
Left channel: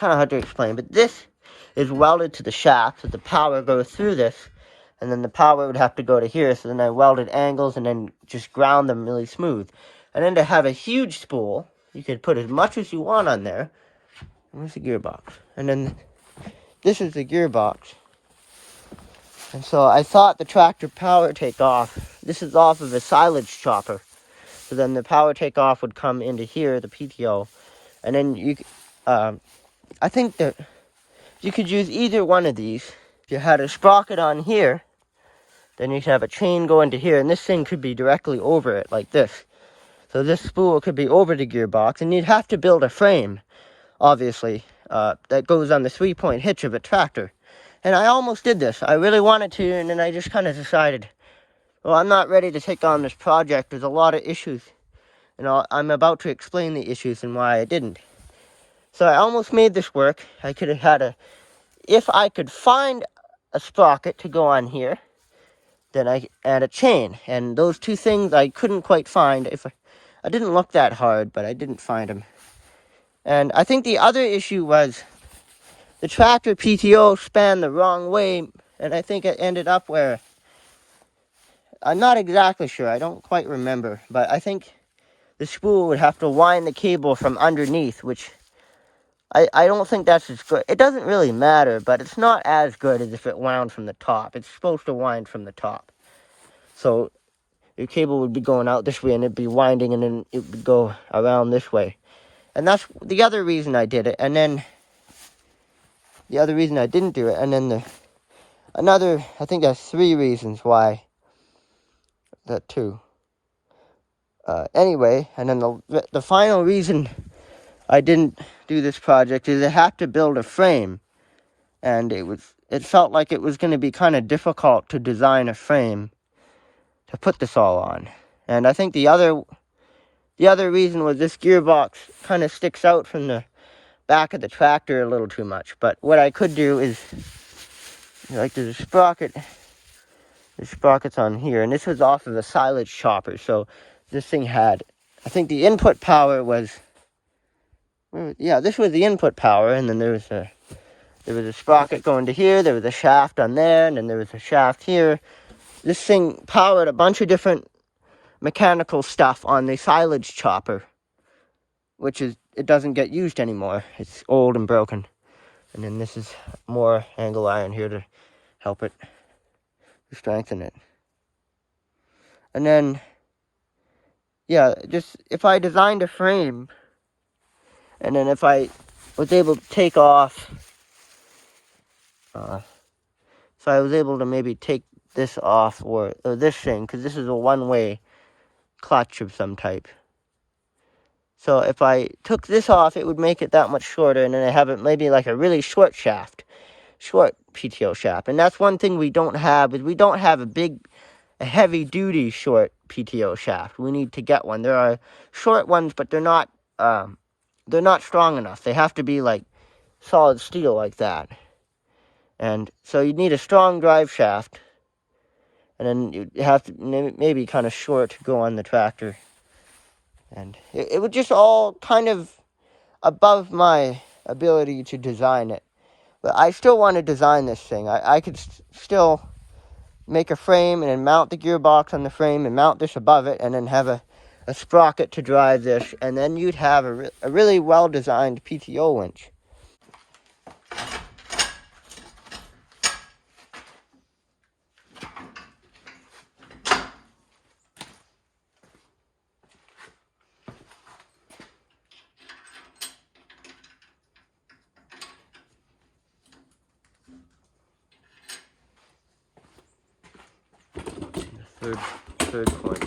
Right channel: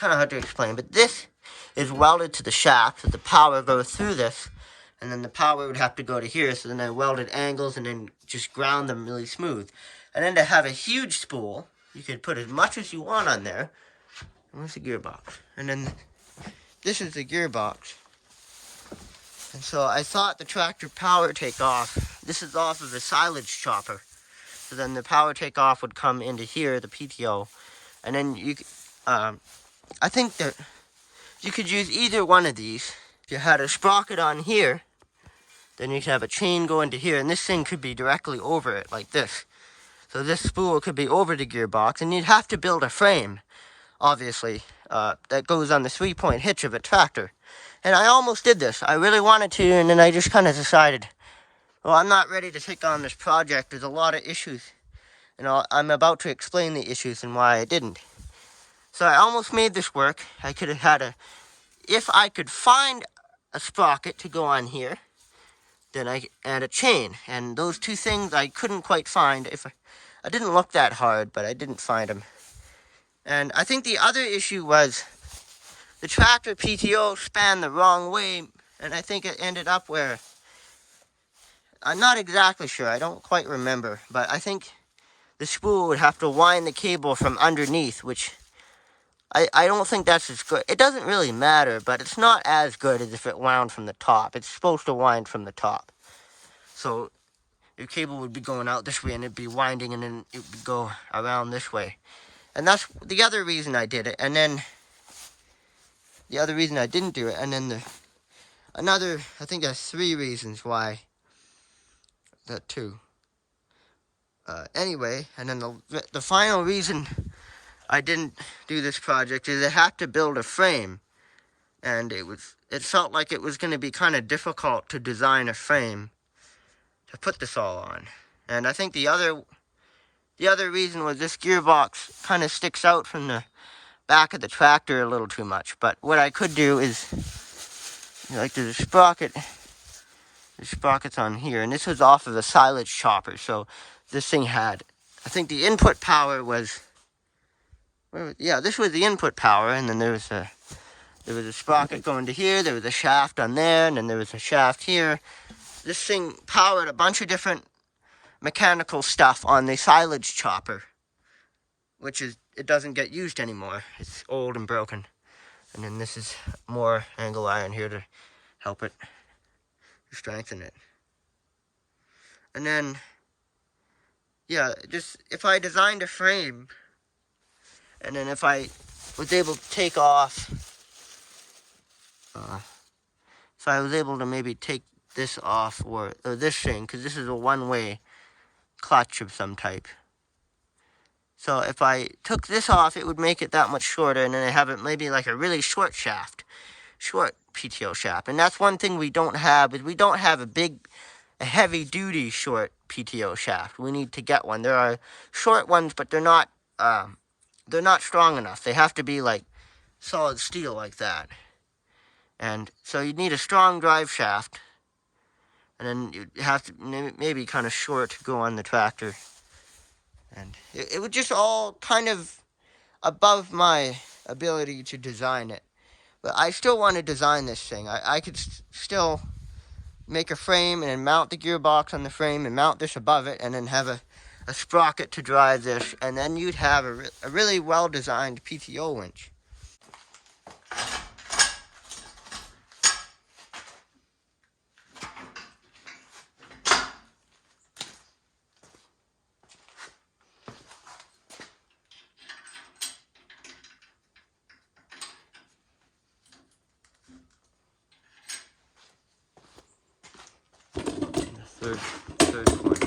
of hard to explain, but this is welded to the shaft, so the power goes through this, and then the power would have to go to here, so then I welded angles and then just ground them really smooth. And then to have a huge spool, you could put as much as you want on there. Where's the gearbox? And then this is the gearbox. And so I thought the tractor power takeoff, this is off of the silage chopper. So then the power takeoff would come into here, the PTO. And then I think that you could use either one of these. If you had a sprocket on here, then you could have a chain go into here. And this thing could be directly over it like this. So this spool could be over the gearbox. And you'd have to build a frame, obviously, that goes on the 3-point hitch of a tractor. And I almost did this. I really wanted to, and then I just kind of decided, well, I'm not ready to take on this project. There's a lot of issues. And I'm about to explain the issues and why I didn't. So I almost made this work. I could have had if I could find a sprocket to go on here, then and a chain. And those 2 things I couldn't quite find. I didn't look that hard, but I didn't find them. And I think the other issue was the tractor PTO span the wrong way, and I think it ended up where, I'm not exactly sure, I don't quite remember, but I think the spool would have to wind the cable from underneath, which I don't think that's as good. It doesn't really matter, but it's not as good as if it wound from the top. It's supposed to wind from the top. So your cable would be going out this way, and it'd be winding, and then it would go around this way. And that's the other reason I did it. And then the other reason I didn't do it, and then I think there's 3 reasons why. That 2. Anyway, and then the final reason I didn't do this project is I had to build a frame, and it felt like it was going to be kind of difficult to design a frame to put this all on. And I think the other reason was this gearbox kind of sticks out from the back of the tractor a little too much. But what I could do is, like, there's a sprocket. The sprocket's on here, and this was off of a silage chopper. So this thing had, I think the input power was, this was the input power, and then there was a sprocket going to here, there was a shaft on there, and then there was a shaft here. This thing powered a bunch of different mechanical stuff on the silage chopper, which it doesn't get used anymore. It's old and broken. And then this is more angle iron here to help it, to strengthen it. And then, if I designed a frame, and then if I was able to take off, so I was able to maybe take this off, or this thing, because this is a one-way clutch of some type. So if I took this off, it would make it that much shorter, and then I have it maybe like a really short PTO shaft. And that's one thing we don't have, is we don't have a heavy-duty short PTO shaft. We need to get one. There are short ones, but they're not strong enough. They have to be like solid steel like that. And so you need a strong drive shaft, and then you have to maybe kind of short to go on the tractor. And it was just all kind of above my ability to design it. But I still want to design this thing. I could still make a frame and then mount the gearbox on the frame and mount this above it, and then have a sprocket to drive this, and then you'd have a really well-designed PTO winch. Third point.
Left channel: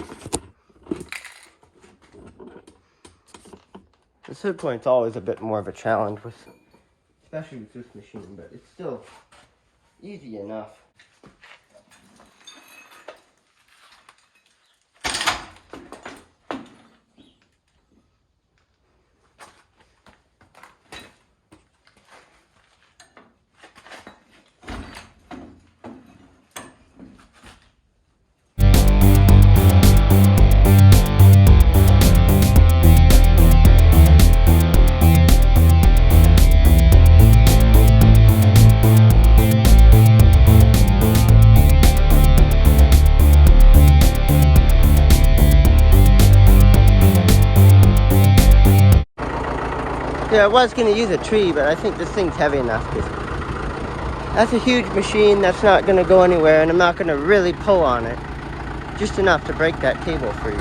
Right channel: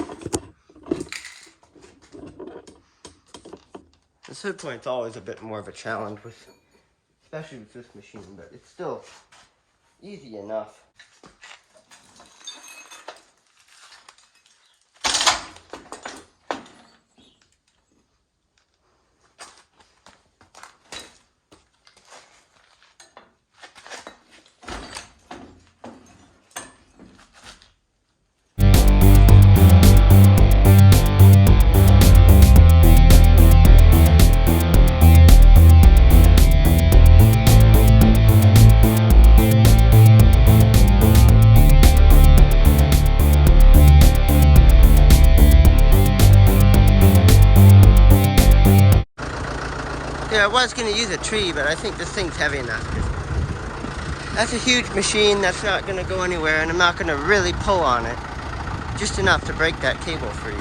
The third point's always a bit more of a challenge, especially with this machine, but it's still easy enough. Yeah, I was going to use a tree, but I think this thing's heavy enough. That's a huge machine. That's not going to go anywhere, and I'm not going to really pull on it. Just enough to break that cable free.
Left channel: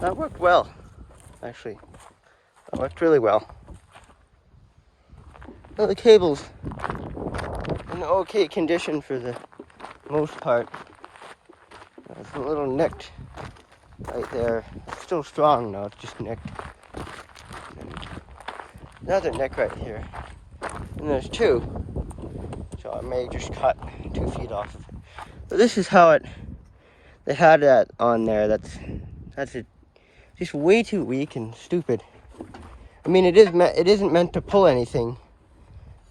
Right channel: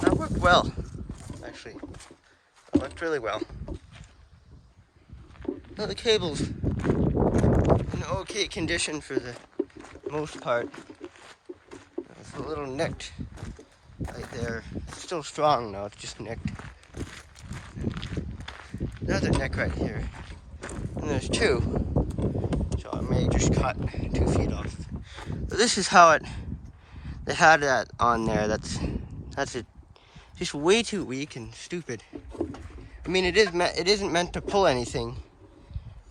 That worked well, actually. That worked really well. Well, the cable's in okay condition for the most part. It's a little nicked right there. It's still strong though, it's just nicked. And another nick right here. And there's two. So I may just cut 2 feet off of it. But this is how they had that on there. That's it. Just way too weak and stupid. I mean, it isn't meant to pull anything,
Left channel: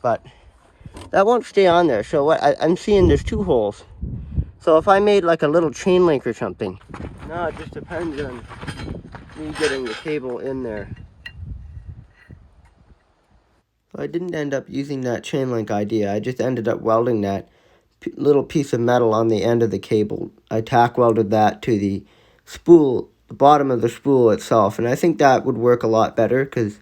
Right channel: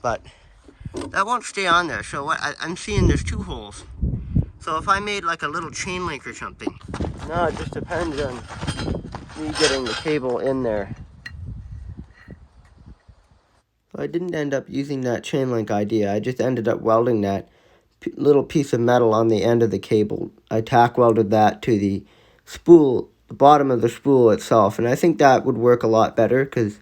but that won't stay on there. So what I'm seeing, there's 2 holes. So if I made like a little chain link or something, now it just depends on me getting the cable in there. So I didn't end up using that chain link idea. I just ended up welding that little piece of metal on the end of the cable. I tack welded that to the spool, the bottom of the spool itself, and I think that would work a lot better because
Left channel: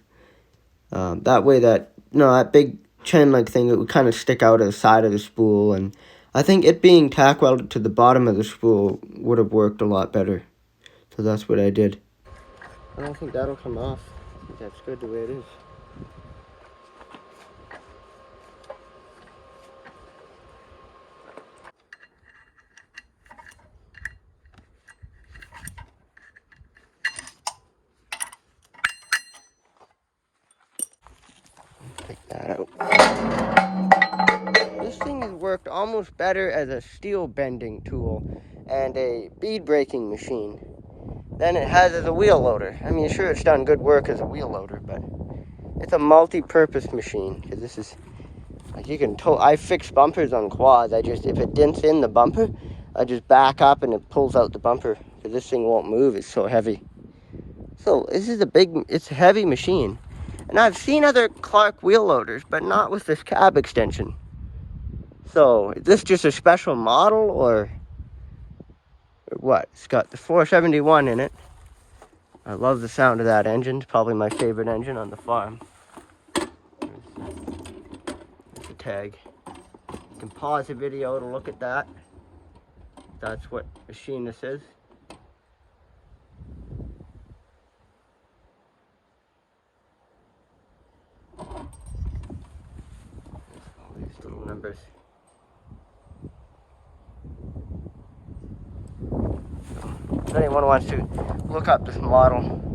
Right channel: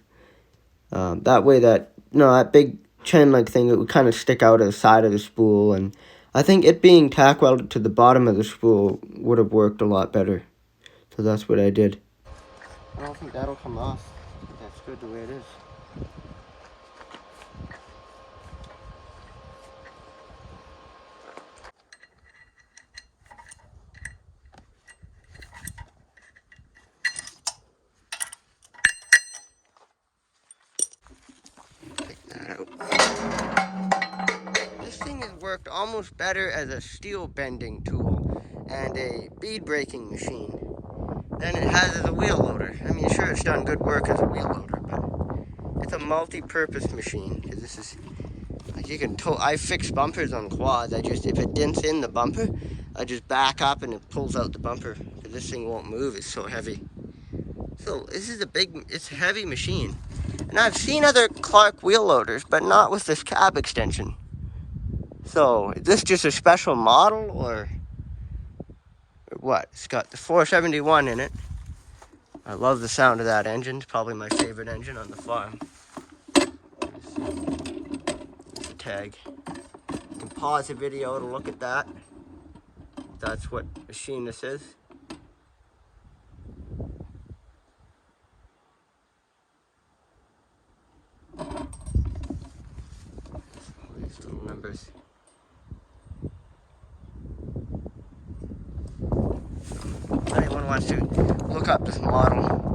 that way that big chain link thing, it would kind of stick out of the side of the spool, and I think it being tack welded to the bottom of the spool would have worked a lot better. So that's what I did. I don't think that'll come off. I think that's good the way it is. Take that out. This thing has worked almost better as a steel bending tool and a bead breaking machine than it has as a wheel loader. I mean, sure, it's done good work as a wheel loader, but it's a multi-purpose machine. Because this is, like, you can I fix bumpers on quads. if it dents in the bumper, I just back up and it pulls out the bumper. Because this thing won't move, it's so heavy. So this is it's a heavy machine. And I've seen other Clark wheel loaders, but not with this cab extension. So, is this just a special model, or what? It's got the 471 in it. I love the sound of that engine. It's probably my favorite engine on the farm. There's the tag. You can pause the video to look at that. That's what machine this is. All these little numbers. If anyone wants to look up this model.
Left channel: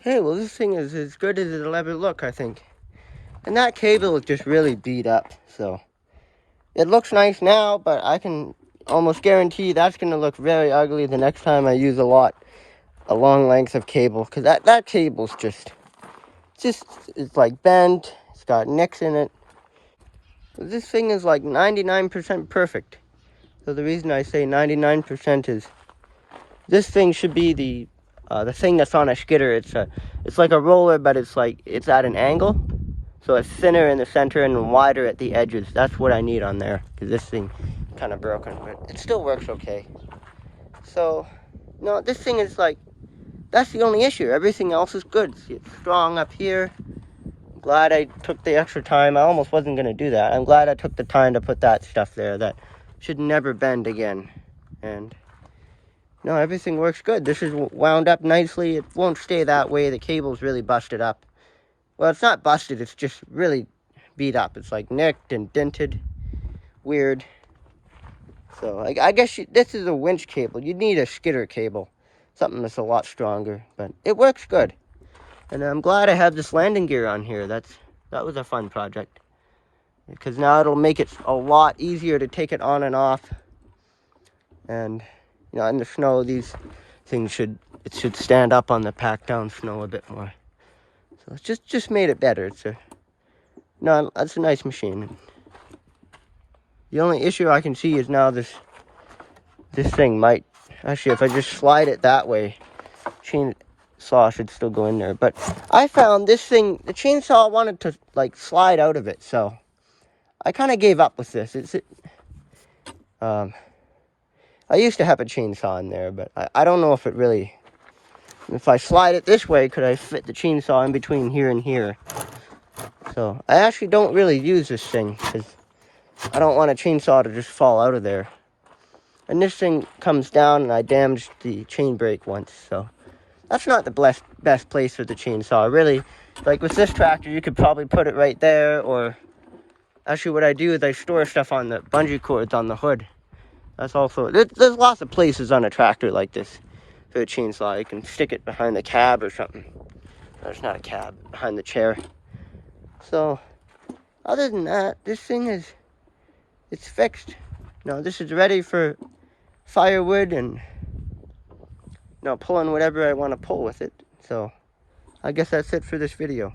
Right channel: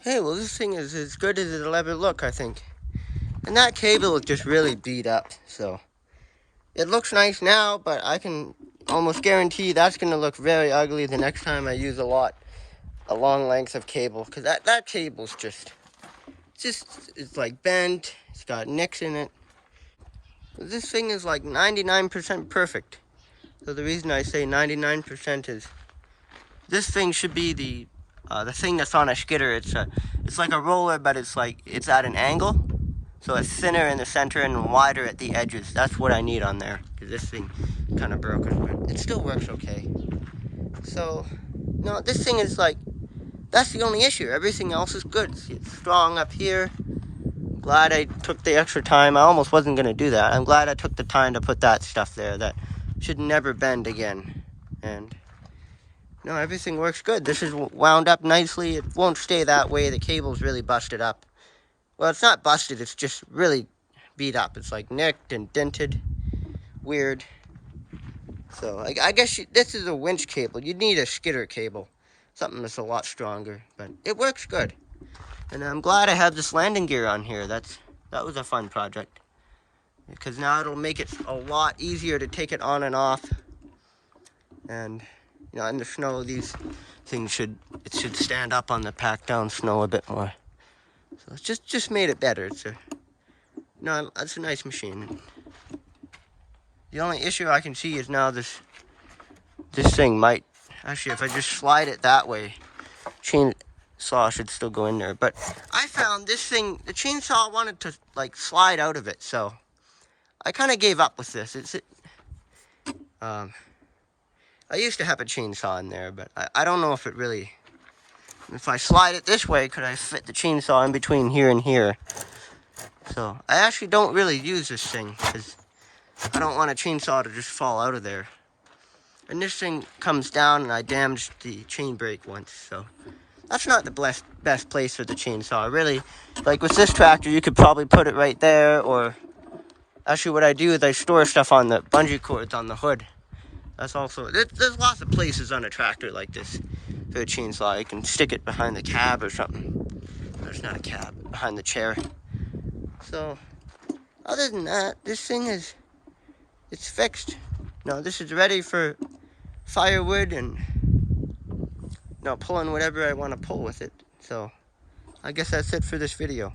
Hey, well, this thing is as good as it'll ever look, I think. And that cable is just really beat up, so it looks nice now, but I can almost guarantee that's going to look very ugly the next time I use a long length of cable, because that cable's it's like bent, it's got nicks in it. This thing is like 99% perfect. So the reason I say 99% is this thing should be the thing that's on a skidder. It's like a roller, but it's at an angle. So it's thinner in the center and wider at the edges. That's what I need on there, because this thing is kind of broken, but it still works okay. So, no, this thing is that's the only issue. Everything else is good. See, it's strong up here. I'm glad I took the extra time. I almost wasn't going to do that. I'm glad I took the time to put that stuff there. That should never bend again. And no, everything works good. This is wound up nicely. It won't stay that way. The cable's really busted up. Well, it's not busted. It's just really beat up. It's like nicked and dented. Weird. So I guess this is a winch cable. You'd need a skidder cable. Something that's a lot stronger. But it works good. And I'm glad I have this landing gear on here. That was a fun project. Because now it'll make it a lot easier to take it on and off. And, in the snow, these things should stand up on the packed down snow a bit more. So it's just made it better. It's a nice machine. The only issue I can see is now this thing might, actually, if I just slide it that way, chainsaw should still go in there. But I found this thing, the chainsaw wanted to slide out of it, so I kind of gave up with this. I used to have a chainsaw in there, but I don't know if it really If I slide it this way, could I fit the chainsaw in between here and here? So I actually don't really use this thing because I don't want a chainsaw to just fall out of there. And this thing comes down, and I damaged the chain brake once, so that's not the best place for the chainsaw. Really, like with this tractor, you could probably put it right there, or actually what I do is I store stuff on the bungee cords on the hood. That's also, there's lots of places on a tractor like this for a chainsaw. You can stick it behind the cab or something. No, it's not a cab, behind the chair. So, other than that, this thing it's fixed. No, this is ready for firewood and pulling whatever I want to pull with it. So I guess that's it for this video.